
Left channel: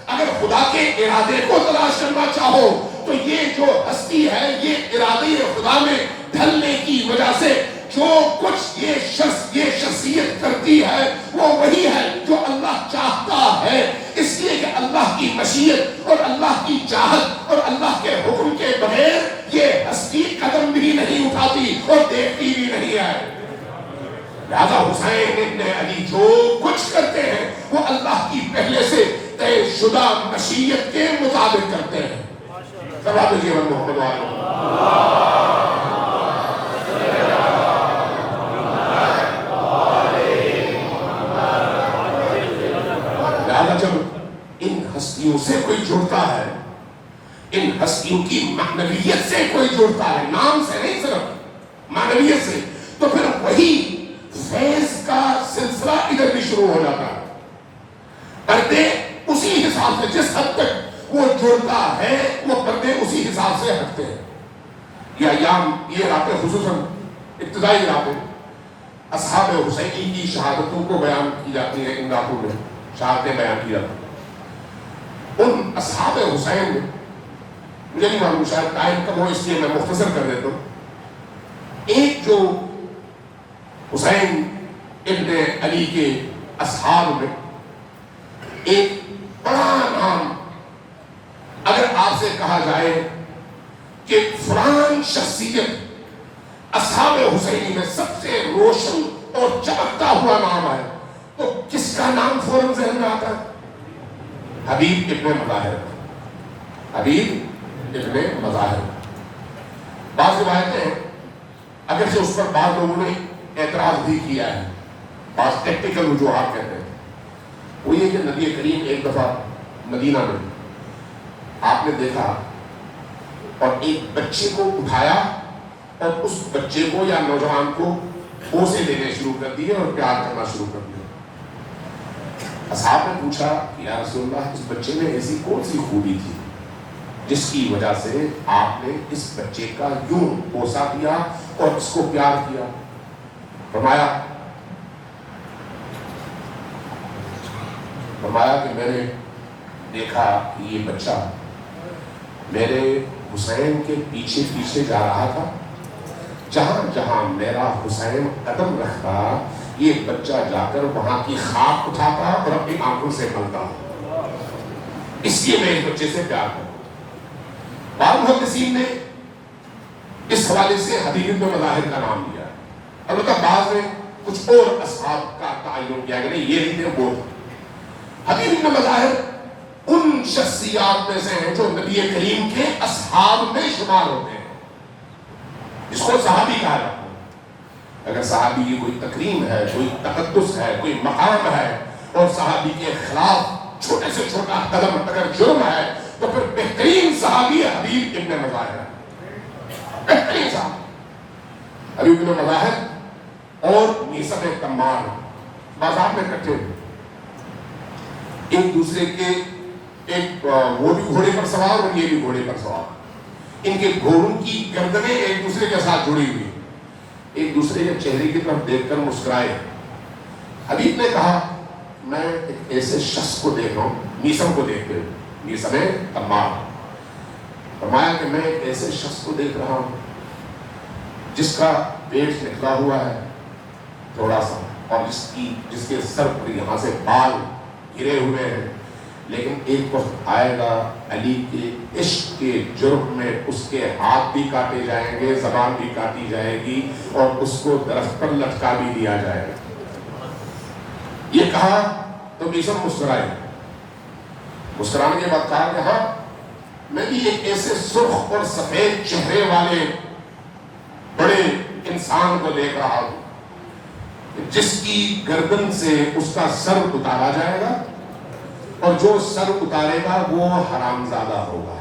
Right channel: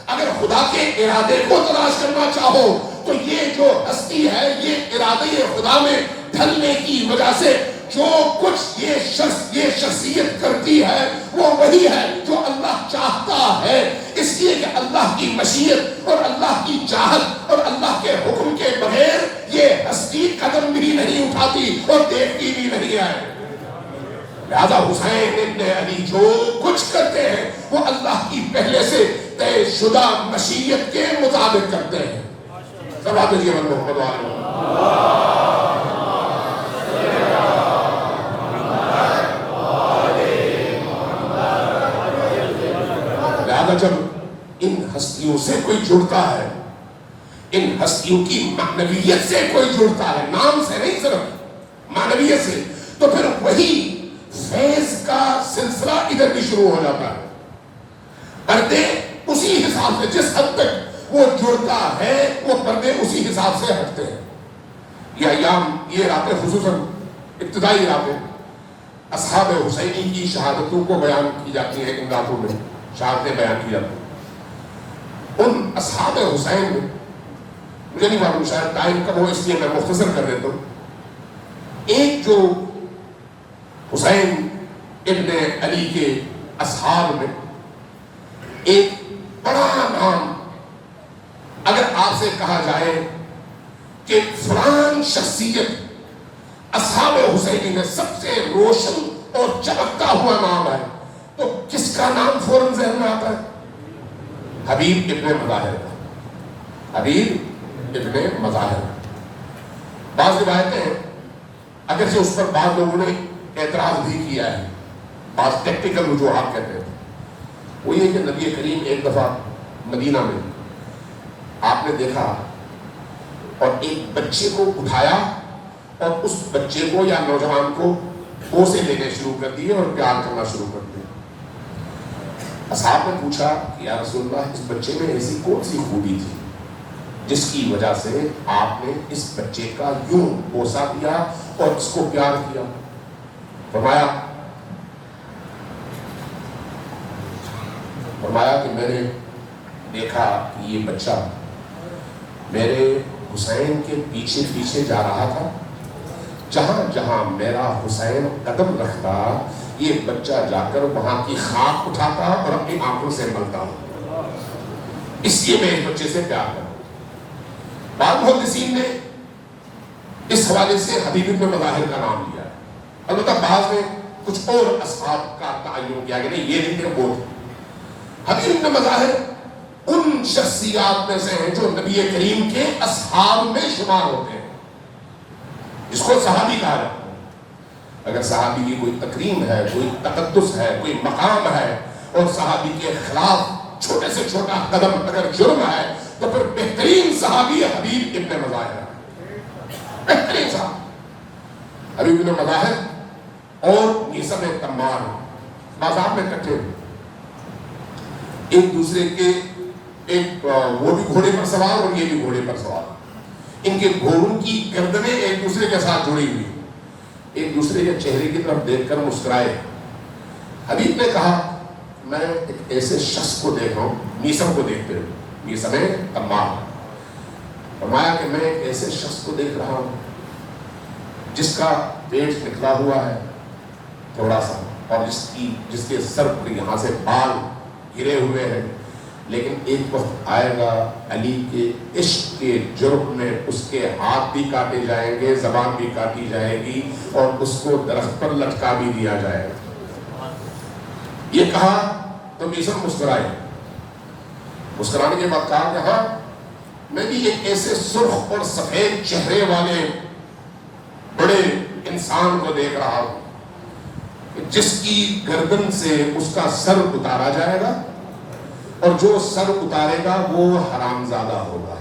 اگر خدا کے ارادے کو تلاش کرنا چاہو تو یہ جو ہستی ہے، یہ ارادے خدا میں ڈھلنے کی وجہ سے جو کچھ یہ شخصیت کرتی ہے وہ وہی ہے جو اللہ چاہتا ہے. اس لیے کہ اللہ کی مشیت اور اللہ کی چاہت اور اللہ کے حکم کے بغیر یہ ہستی قدم بھی نہیں اٹھاتی اور دیکھتی بھی نہیں ہے. لہذا حسین ابن علی جو کچھ کرتے ہیں وہ اللہ کی پہلے سے طے شدہ مشیت کے مطابق کرتے ہیں. سبحان اللہ محمد علیہ. لہذا جب ان ہستیوں سے کوئی جڑتا ہے، ان ہستیوں کی معنویت سے کوئی جڑتا ہے، نام سے نہیں صرف معنویت سے، تو پھر وہی فیض کا سلسلہ ادھر بھی شروع ہو جاتا ہے. پردے اسی حساب سے جس حد تک وہ جڑتا ہے وہ پردے اسی حساب سے ہٹتے ہیں. یہ ایام، یہ راتیں خصوصاً ابتدائی راتیں اصحاب حسینی کی شہادتوں کو بیان کی جاتی ہے. ان راتوں میں شہادتیں بیان کی جاتی ہیں. ان اصحاب حسین میں مجھے نہیں معلوم، شاید ٹائم کم ہو اس لیے میں مختصر کر دیتا ہوں. ایک جو حسین ابن علی کے اصحاب میں ایک بڑا نام، اگر آپ سے کہا جائے کہ فلان شخصیت اصحاب حسینی میں سب سے روشن اور چمکتا ہوا نام ہے تو کس کا نام فوراً ذہن میں آتا ہے؟ حبیب ابن مظاہر. حبیب ابن مظاہر. بعض روایتیں اگرچہ اس پر بعض لوگوں نے اعتراض بھی کیا ہے، بعض ٹیکٹیکل وجوہات کہتے ہیں، وہ یہ کہ نبی کریم ایک دفعہ مدینہ میں آپ نے دیکھا اور ایک بچے کو اٹھایا اور اس بچے کو یا نوجوان کو بوسے لینے شروع کر دیے اور پیار کرنا شروع کر دیا. اصحاب نے پوچھا کہ یا رسول اللہ، اس بچے میں ایسی کون سی خوبی تھی جس کی وجہ سے آپ نے اس بچے کا یوں بوسا دیا اور اس کو پیار کیا؟ فرمایا کہ میں نے دیکھا کہ یہ بچہ میرے حسین کے پیچھے پیچھے جا رہا تھا. جہاں جہاں میرا حسین قدم رکھتا یہ بچہ جا کر وہاں کی خاک اٹھاتا اور اپنی آنکھوں سے ملتا. اس لیے میں اس بچے سے پیار کرتا. بعض محدثین نے اس حوالے سے حبیب ابن مظاہر کا نام لیا ہے. البتہ بعض نے کچھ اور اصحاب کا تعین کیا کہ نہیں، یہ نہیں تھے وہ. حبیب ابن مظاہر ان شخصیات میں سے ہیں جو نبی کریم کے اصحاب میں شمار ہوتے ہیں، جس کو صحابی کہا جاتا ہے. اگر صحابی کی کوئی تکریم ہے، کوئی تقدس ہے، کوئی مقام ہے اور صحابی کے خلاف چھوٹے سے چھوٹا قدم اگر جرم ہے تو پھر بہترین صحابی حبیب ابن مظاہر، بہترین صحابی حبیب ابن مظاہر اور میثم تمار بازار میں کٹھے ایک دوسرے کے، ایک وہ بھی گھوڑے پر سوار اور یہ بھی گھوڑے پر سوار، ان کے گھوڑوں کی گردنیں ایک دوسرے کے ساتھ جڑی ہوئی، ایک دوسرے کے چہرے کی طرف دیکھ کر مسکرائے۔ حبیب نے کہا میں ایک ایسے شخص کو دیکھ رہا ہوں، میثم کو دیکھتے ہو، میثم تمار، فرمایا کہ میں ایک ایسے شخص کو دیکھ رہا ہوں جس کا پیٹ نکلا ہوا ہے تھوڑا سا، اور جس کے سر پر یہاں سے بال گرے ہوئے ہیں، لیکن ایک وقت آئے گا علی کے عشق کے جرم میں اس کے ہاتھ بھی کاٹے جائیں گے، زبان بھی کاٹی جائے گی، اور اس کو درخت پر لٹکا بھی دیا جائے گا۔ یہ کہا تو میثم مسکرائے، مسکرانے کے بعد کہا کہ ہاں میں بھی ایک ایسے سرخ اور سفید چہرے والے بڑے انسان کو دیکھ رہا ہوں جس کی گردن سے اس کا سر اتارا جائے گا، اور جو سر اتارے گا وہ حرامزادہ ہوگا،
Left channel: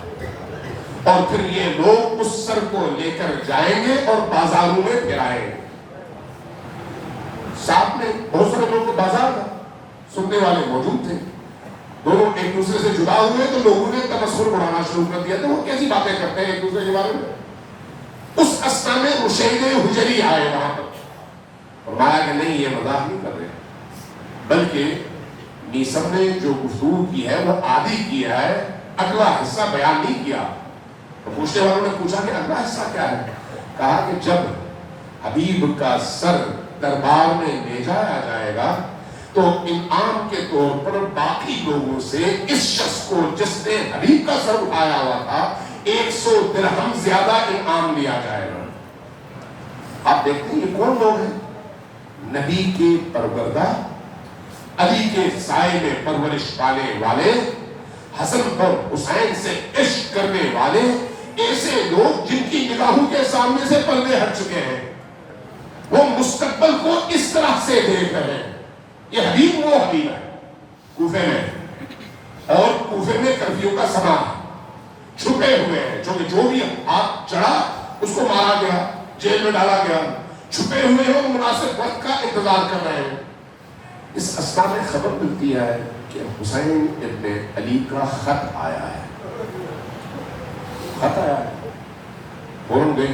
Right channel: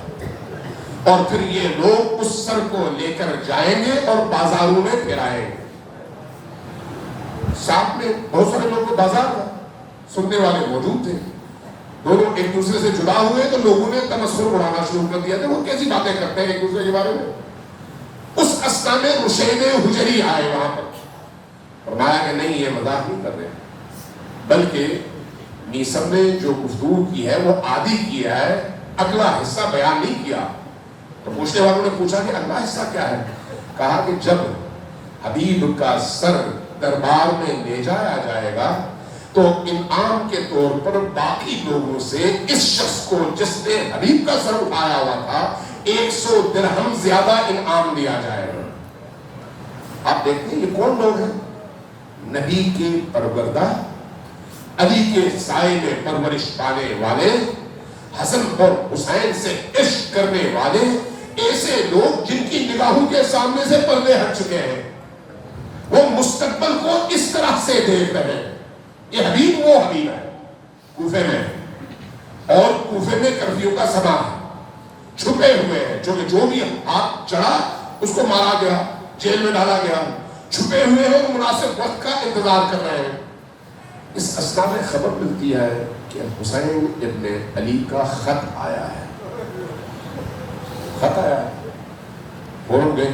اور پھر یہ لوگ اس سر کو لے کر جائیں گے اور بازاروں میں پھرائیں گے۔ ساتھ میں بہت سارے لوگ کے بازار کا سننے والے موجود تھے، دونوں ایک دوسرے سے جدا ہوئے تو لوگوں نے تمسخر اڑانا شروع کر دیا تھا، وہ کیسی باتیں کرتے ہیں ایک دوسرے کے بارے میں۔ اس اسنا میں رشید حجری آئے وہاں پر، فرمایا کہ نہیں یہ مذاق نہیں کر رہے، بلکہ میثم نے جو گفتگو کی ہے وہ آدھی کیا ہے، اگلا حصہ بیان نہیں کیا۔ تو پوچھنے والوں نے پوچھا کہ اگلا حصہ کیا ہے؟ کہا کہ جب حبیب کا سر دربار میں لے جایا جائے گا تو انعام کے طور پر باقی لوگوں سے اس شخص کو جس نے حبیب کا سر اٹھایا ہوا تھا 100 درہم زیادہ انعام دیا جائے گا۔ آپ دیکھتے ہیں یہ کون لوگ ہیں؟ نبی کے پروردہ، علی کے سائے میں پرورش پانے والے، حسن اور حسین سے عشق کرنے والے، ایسے لوگ جن کی نگاہوں کے سامنے سے پردے ہٹ چکے ہیں، وہ مستقبل کو اس طرح سے دیکھ رہے ہیں۔ یہ حبیب وہ حبیب ہے کوفے میں، اور کوفے میں کرفیو کا سما ہے، چھپے ہوئے ہیں، جو بھی ہاتھ چڑھا اس کو مارا گیا، جیل میں ڈالا گیا، چھپے ہوئے ہیں، وہ مناسب وقت کا انتظار کر رہے ہیں۔ اس اسنا میں خبر ملتی ہے کہ حسین ابن علی کا خط آیا ہے، خط آیا ہے، بول گئے،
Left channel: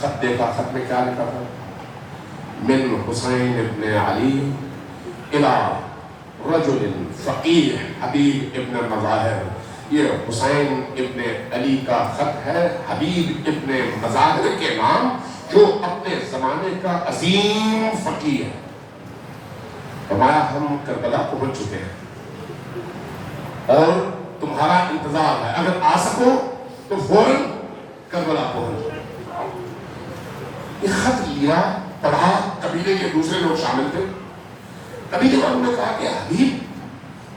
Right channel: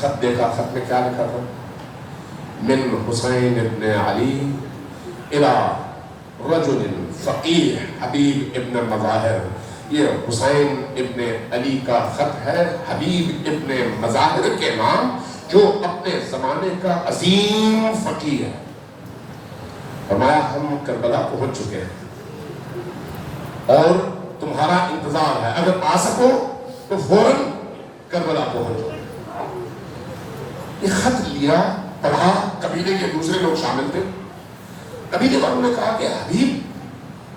خط دیکھا، خط میں کیا لکھا تھا؟ من حسین ابن علی الى رجل فقیہ حبیب ابن مظاہر۔ یہ حسین ابن علی کا خط ہے حبیب ابن مظاہر کے نام، جو اپنے زمانے کا عظیم فقیہ ہے۔ فرمایا ہم کربلا پہنچ چکے ہیں اور تمہارا انتظار ہے، اگر آ سکو تو فوراً کربلا پہنچ۔ یہ خط لیا، پڑھا، قبیلے کے دوسرے لوگ شامل تھے، قبیلے والوں نے کہا کہ حبیب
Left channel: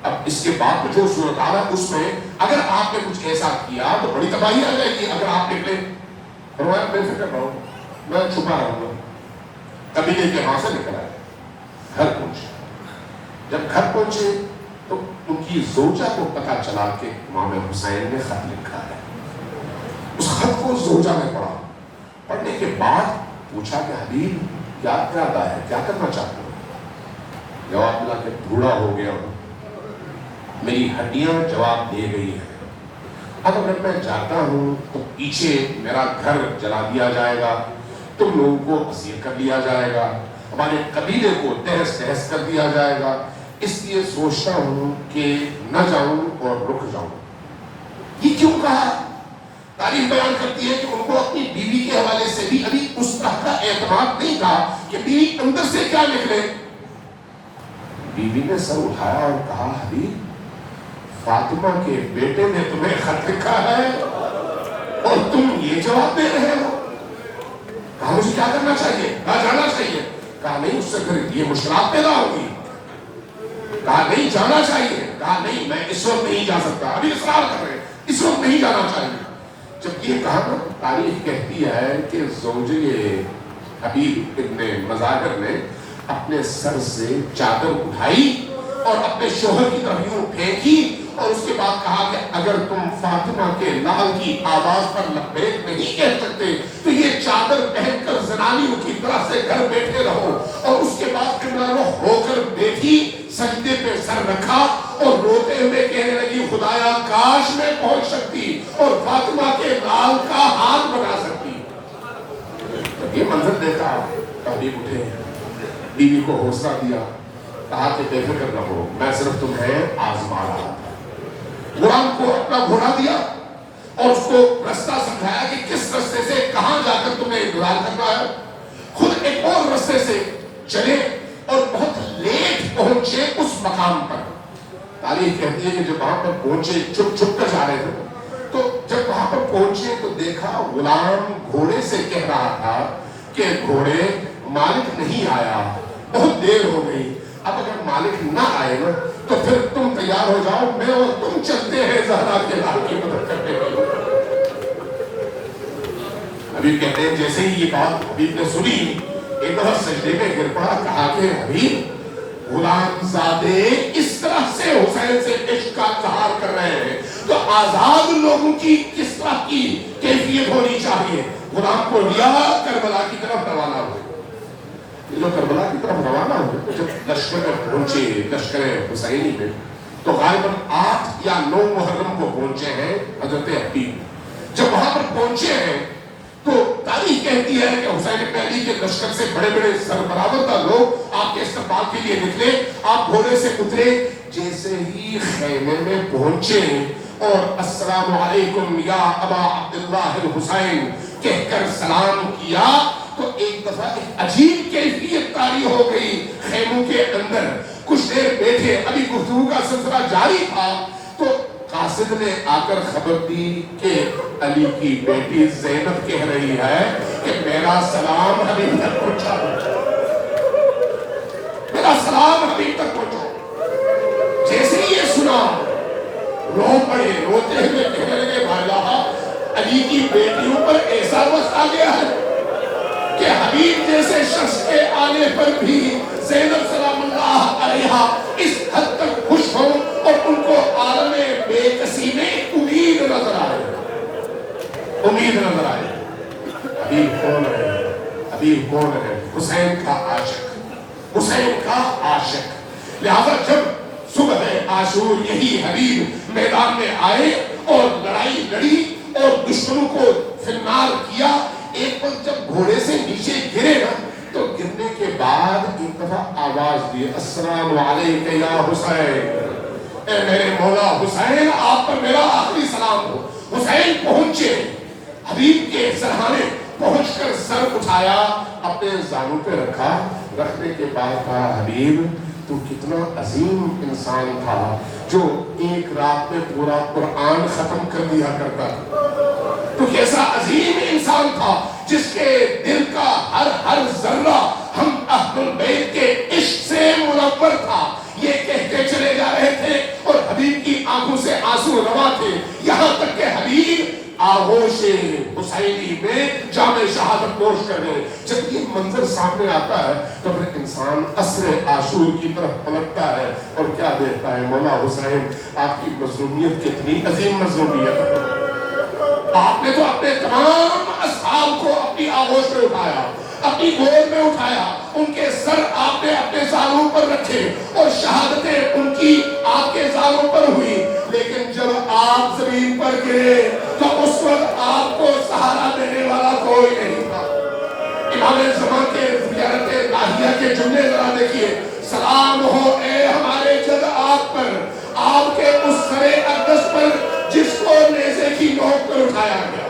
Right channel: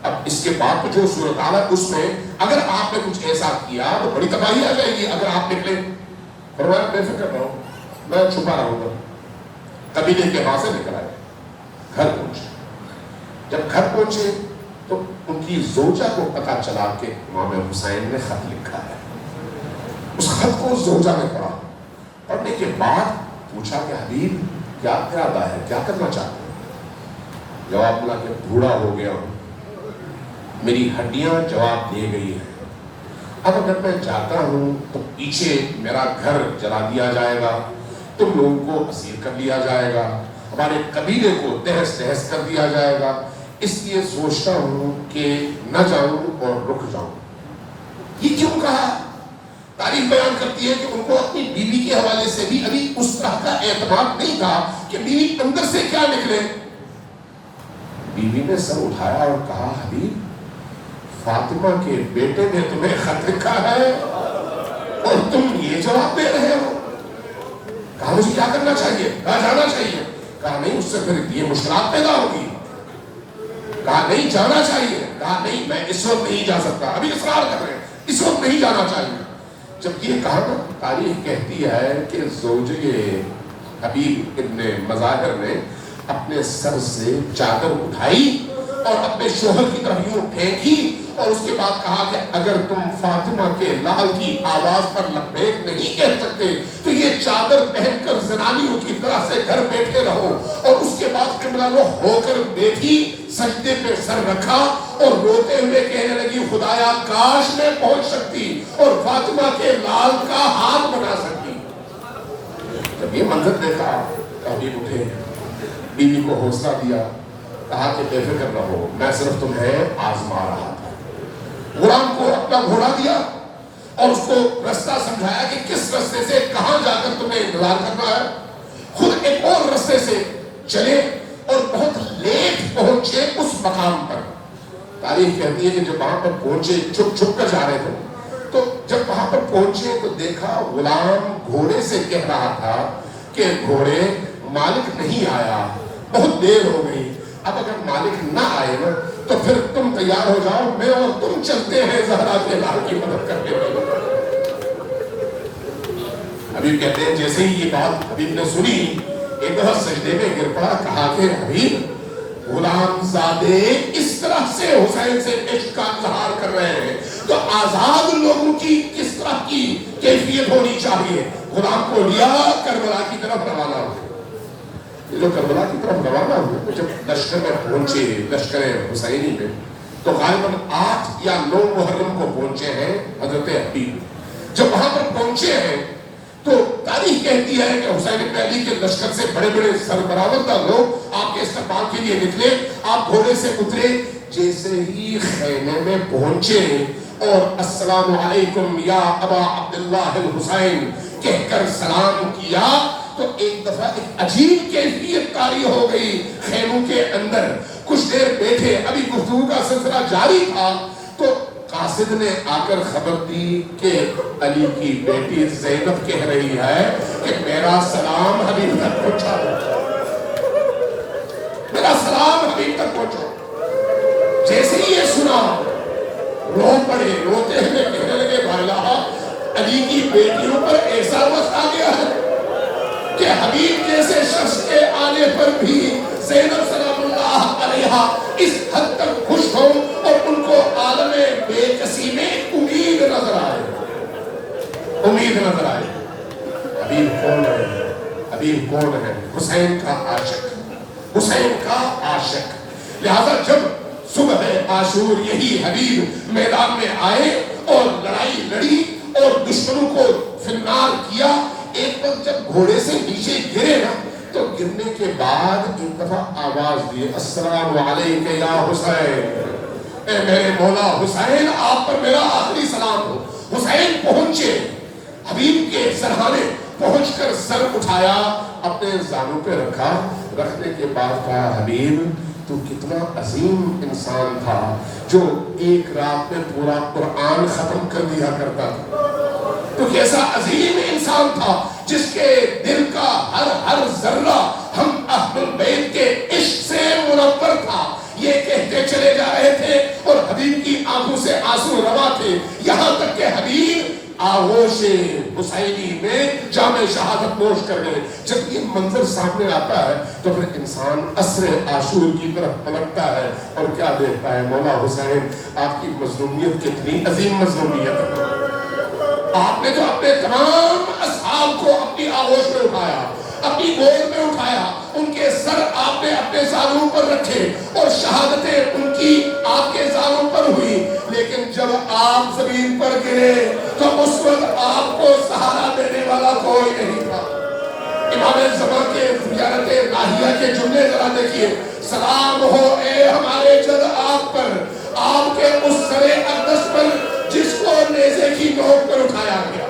اب اس کے بعد جو صورتحال ہے اس میں اگر آپ نے کچھ ایسا کیا تو بڑی تباہی آ جائے گی اگر آپ نکلے۔ فرمایا بے فکر رہو، میں چھپا رہوں گا۔ قبیلے کے وہاں سے نکل آئے، گھر پہنچے۔ جب گھر پہنچے تو ان کی زوجہ کو پتا چلا کہ امام حسین نے خط لکھا ہے۔ اس خط کو زوجہ نے پڑھا، پڑھنے کے بعد پوچھا کہ حبیب کیا ارادہ ہے، کیا کرنا چاہتے ہو؟ جواب ملا کہ بوڑھا ہو گیا ہوں، میری ہڈیاں جواب دے گئی ہیں، اب اگر میں جاتا ہوں تو پیچھے میرا گھر جلا دیا جائے گا، تم لوگوں کو اسیر کر لیا جائے گا، ہمارے قبیلے کو تہس تہس کر دیا جائے گا، اس لیے سوچتا ہوں کہ نہ جاؤں اور رک جاؤں۔ یہ کیوں کہا؟ تاریخ بیان کرتی ہے کہ ان کو اپنی بیوی کے حوالے سے بھی ابھی اس طرح کا اعتماد نہیں تھا کہ بیوی اندر سے کیا نکلے۔ بیوی نے سر اٹھایا اور کہا حبیب فاطمہ کے بیٹے نے تمہیں خط لکھا ہے اور تم یہ جواب دے رہے ہو۔ کہا مجھے کیا کرنا چاہیے؟ کہا جانا چاہیے۔ کہا نہیں، اس سے پھر یہ مشکلات پیدا ہوگی۔ کہا نہیں جانا چاہیے۔ کہا نہیں میں اس وقت نہیں جا سکتا، ابھی اصرار کر رہے ہیں اس وقت نہیں جانا چاہیے۔ جب یہ کہا نا، تاریخ کہتی ہے کہ زوجے حبیب ابن مظاہر نے اپنے سر سے چادر اٹھائی اور اپنے شوہر کی طرف یوں پھینکی اور اس کے بعد کہا کہ اگر تم فاطمہ کے لال کی آواز پر لبیک نہیں کہہ سکتے تو یہ چادر پہن کر زنانیوں کی طرح سے گھر بیٹھے رہو. اور اس کے بعد قبلہ رخ ہو کر بیٹھی, سجدے پہ سر رکھا اور روتے ہوئے کہنے لگی خدایا کاش میں پہنچ سکتی اور فاطمہ کے لال کا ہاتھ بنا سکتی. جب یہ منظر دیکھا حبیب اٹھے, بیوی کو حوصلہ دیا, کہا کہ بے فکر رہو, میں صرف تمہیں آزما رہا تھا. غلام کو اپنا گھوڑا دیا اور اس کو رستہ سمجھایا کہ کس رستے سے کہاں جا کر تمہیں انتظار کرنا ہے. خود ایک اور رستے سے چلے اور بہت لیٹ پہنچے اس مقام پر. تاریخ کہتی ہے کہ جب وہاں پر پہنچے, چھپ چھپ کر جا رہے تھے, تو جب وہاں پر پہنچے تو دیکھا غلام گھوڑے سے کہہ رہا تھا کہ گھوڑے مالک نہیں آیا, بہت دیر ہو گئی, اب اگر مالک نہ آئے نا تو پھر تم تیار ہو جاؤ, میں اور تم چلتے ہیں زہرا کے لال کی مدد کرنے کے لیے. حبیب کہتے ہیں جیسے ہی یہ بات حبیب نے سنی ایک دفعہ سجدے میں گر پڑا, کہا کہ حبیب غلام زادے اس طرح سے حسین سے عشق کا اظہار کر رہے ہیں تو آزاد لوگوں کی کس طرح کی کیفیت ہونی چاہیے. غلام کو لیا کربلا کی طرف روانہ ہوئے. یہ جو کربلا کی طرف روانہ ہوئے جب لشکر میں پہنچے, لشکر حسینی میں, تو غالباً 8 یا 9 محرم کو پہنچے ہیں حضرت حبیب. جب وہاں پر پہنچے ہیں تو تاریخ کہتی ہے کہ حسین ابن علی کے لشکر سے بڑے بڑے سربراہ لوگ آپ کے استقبال کے لیے نکلے. آپ گھوڑے سے اترے, جیسے ہی خیمے میں پہنچے اور السلام علیکم یا ابا عبداللہ الحسین کہہ کر سلام کیا تو ایک دفعہ ایک عجیب کیفیت طاری ہو گئی خیموں کے اندر. کچھ دیر بیٹھے, ابھی گفتگو کا سلسلہ جاری تھا, تو قاصد نے آ کر خبر دی کہ علی کی بیٹی زینب کہہ رہی ہے کہ میرا سلام حبیب تک پہنچا دو, میرا سلام حبیب تک پہنچا. جیسے ہی یہ سنا رو پڑے, روتے ہوئے کہنے لگے بھائی علی کی بیٹیوں پر ایسا وقت آ گیا ہے کہ حبیب جیسے شخص کے آنے پر بھی زینب سلام اللہ علیہا اس حد تک خوش ہو اور ان کو عالم بے کسی میں امید نظر آئے, امید نظر آئے. حبیب کون ہے؟ حبیب کون ہے؟ حسین کا عاشق, حسین کا عاشق. لہذا جب صبح عاشور یہی حبیب میدان میں آئے اور لڑائی لڑی اور دشمنوں کو فنار کیا. ایک وقت جب گھوڑے سے نیچے گرے نا تو گرنے کے بعد ایک دفعہ آواز دی, السلام علیکم یا حسین, اے میرے مولا حسین آپ پر میرا آخری سلام ہو. حسین پہنچے, حبیب کے سرحانے پہنچ کر سر اٹھایا, اپنے زانوں پہ رکھا, رکھنے کے بعد کہا حبیب تو کتنا عظیم انسان تھا جو ایک رات میں پورا قرآن ختم کر دیا کرتا تھا. تو کیسا عظیم انسان تھا جس کے دل کا ہر ذرہ ہم اہل البیت کے عشق سے منور تھا. یہ کہہ کے چلے جا رہے تھے اور حبیب کی آنکھوں سے آنسو روا تھے, یہاں تک کہ حبیب آغوش حسینی میں جام شہادت نوش کر گئے. جب یہ منظر سامنے آتا ہے تو پھر انسان عصر عاشور کی طرف پلٹتا ہے اور کیا دیکھتا ہے, مولا حسین آپ کی مظلومیت کتنی عظیم مظلومیت ہے. آپ نے تو اپنے تمام اصحاب کو اپنی آغوش میں اٹھایا, اپنی گود میں اٹھایا, ان کے سر آپ نے اپنے زانوں پر رکھے اور شہادتیں ان کی آپ کے زانوں پر ہوئی. لیکن جب آپ زمین پر گرے تو اس وقت آپ کو سہارا دینے والا کوئی نہیں تھا. امام زمان کے زیارت الہیہ کے جملے ذرا دیکھیے, سلام ہو اے ہمارے جد آپ پر, آپ کے اس سر اقدس پر جس کو نیزے کی نوک پر اٹھایا گیا.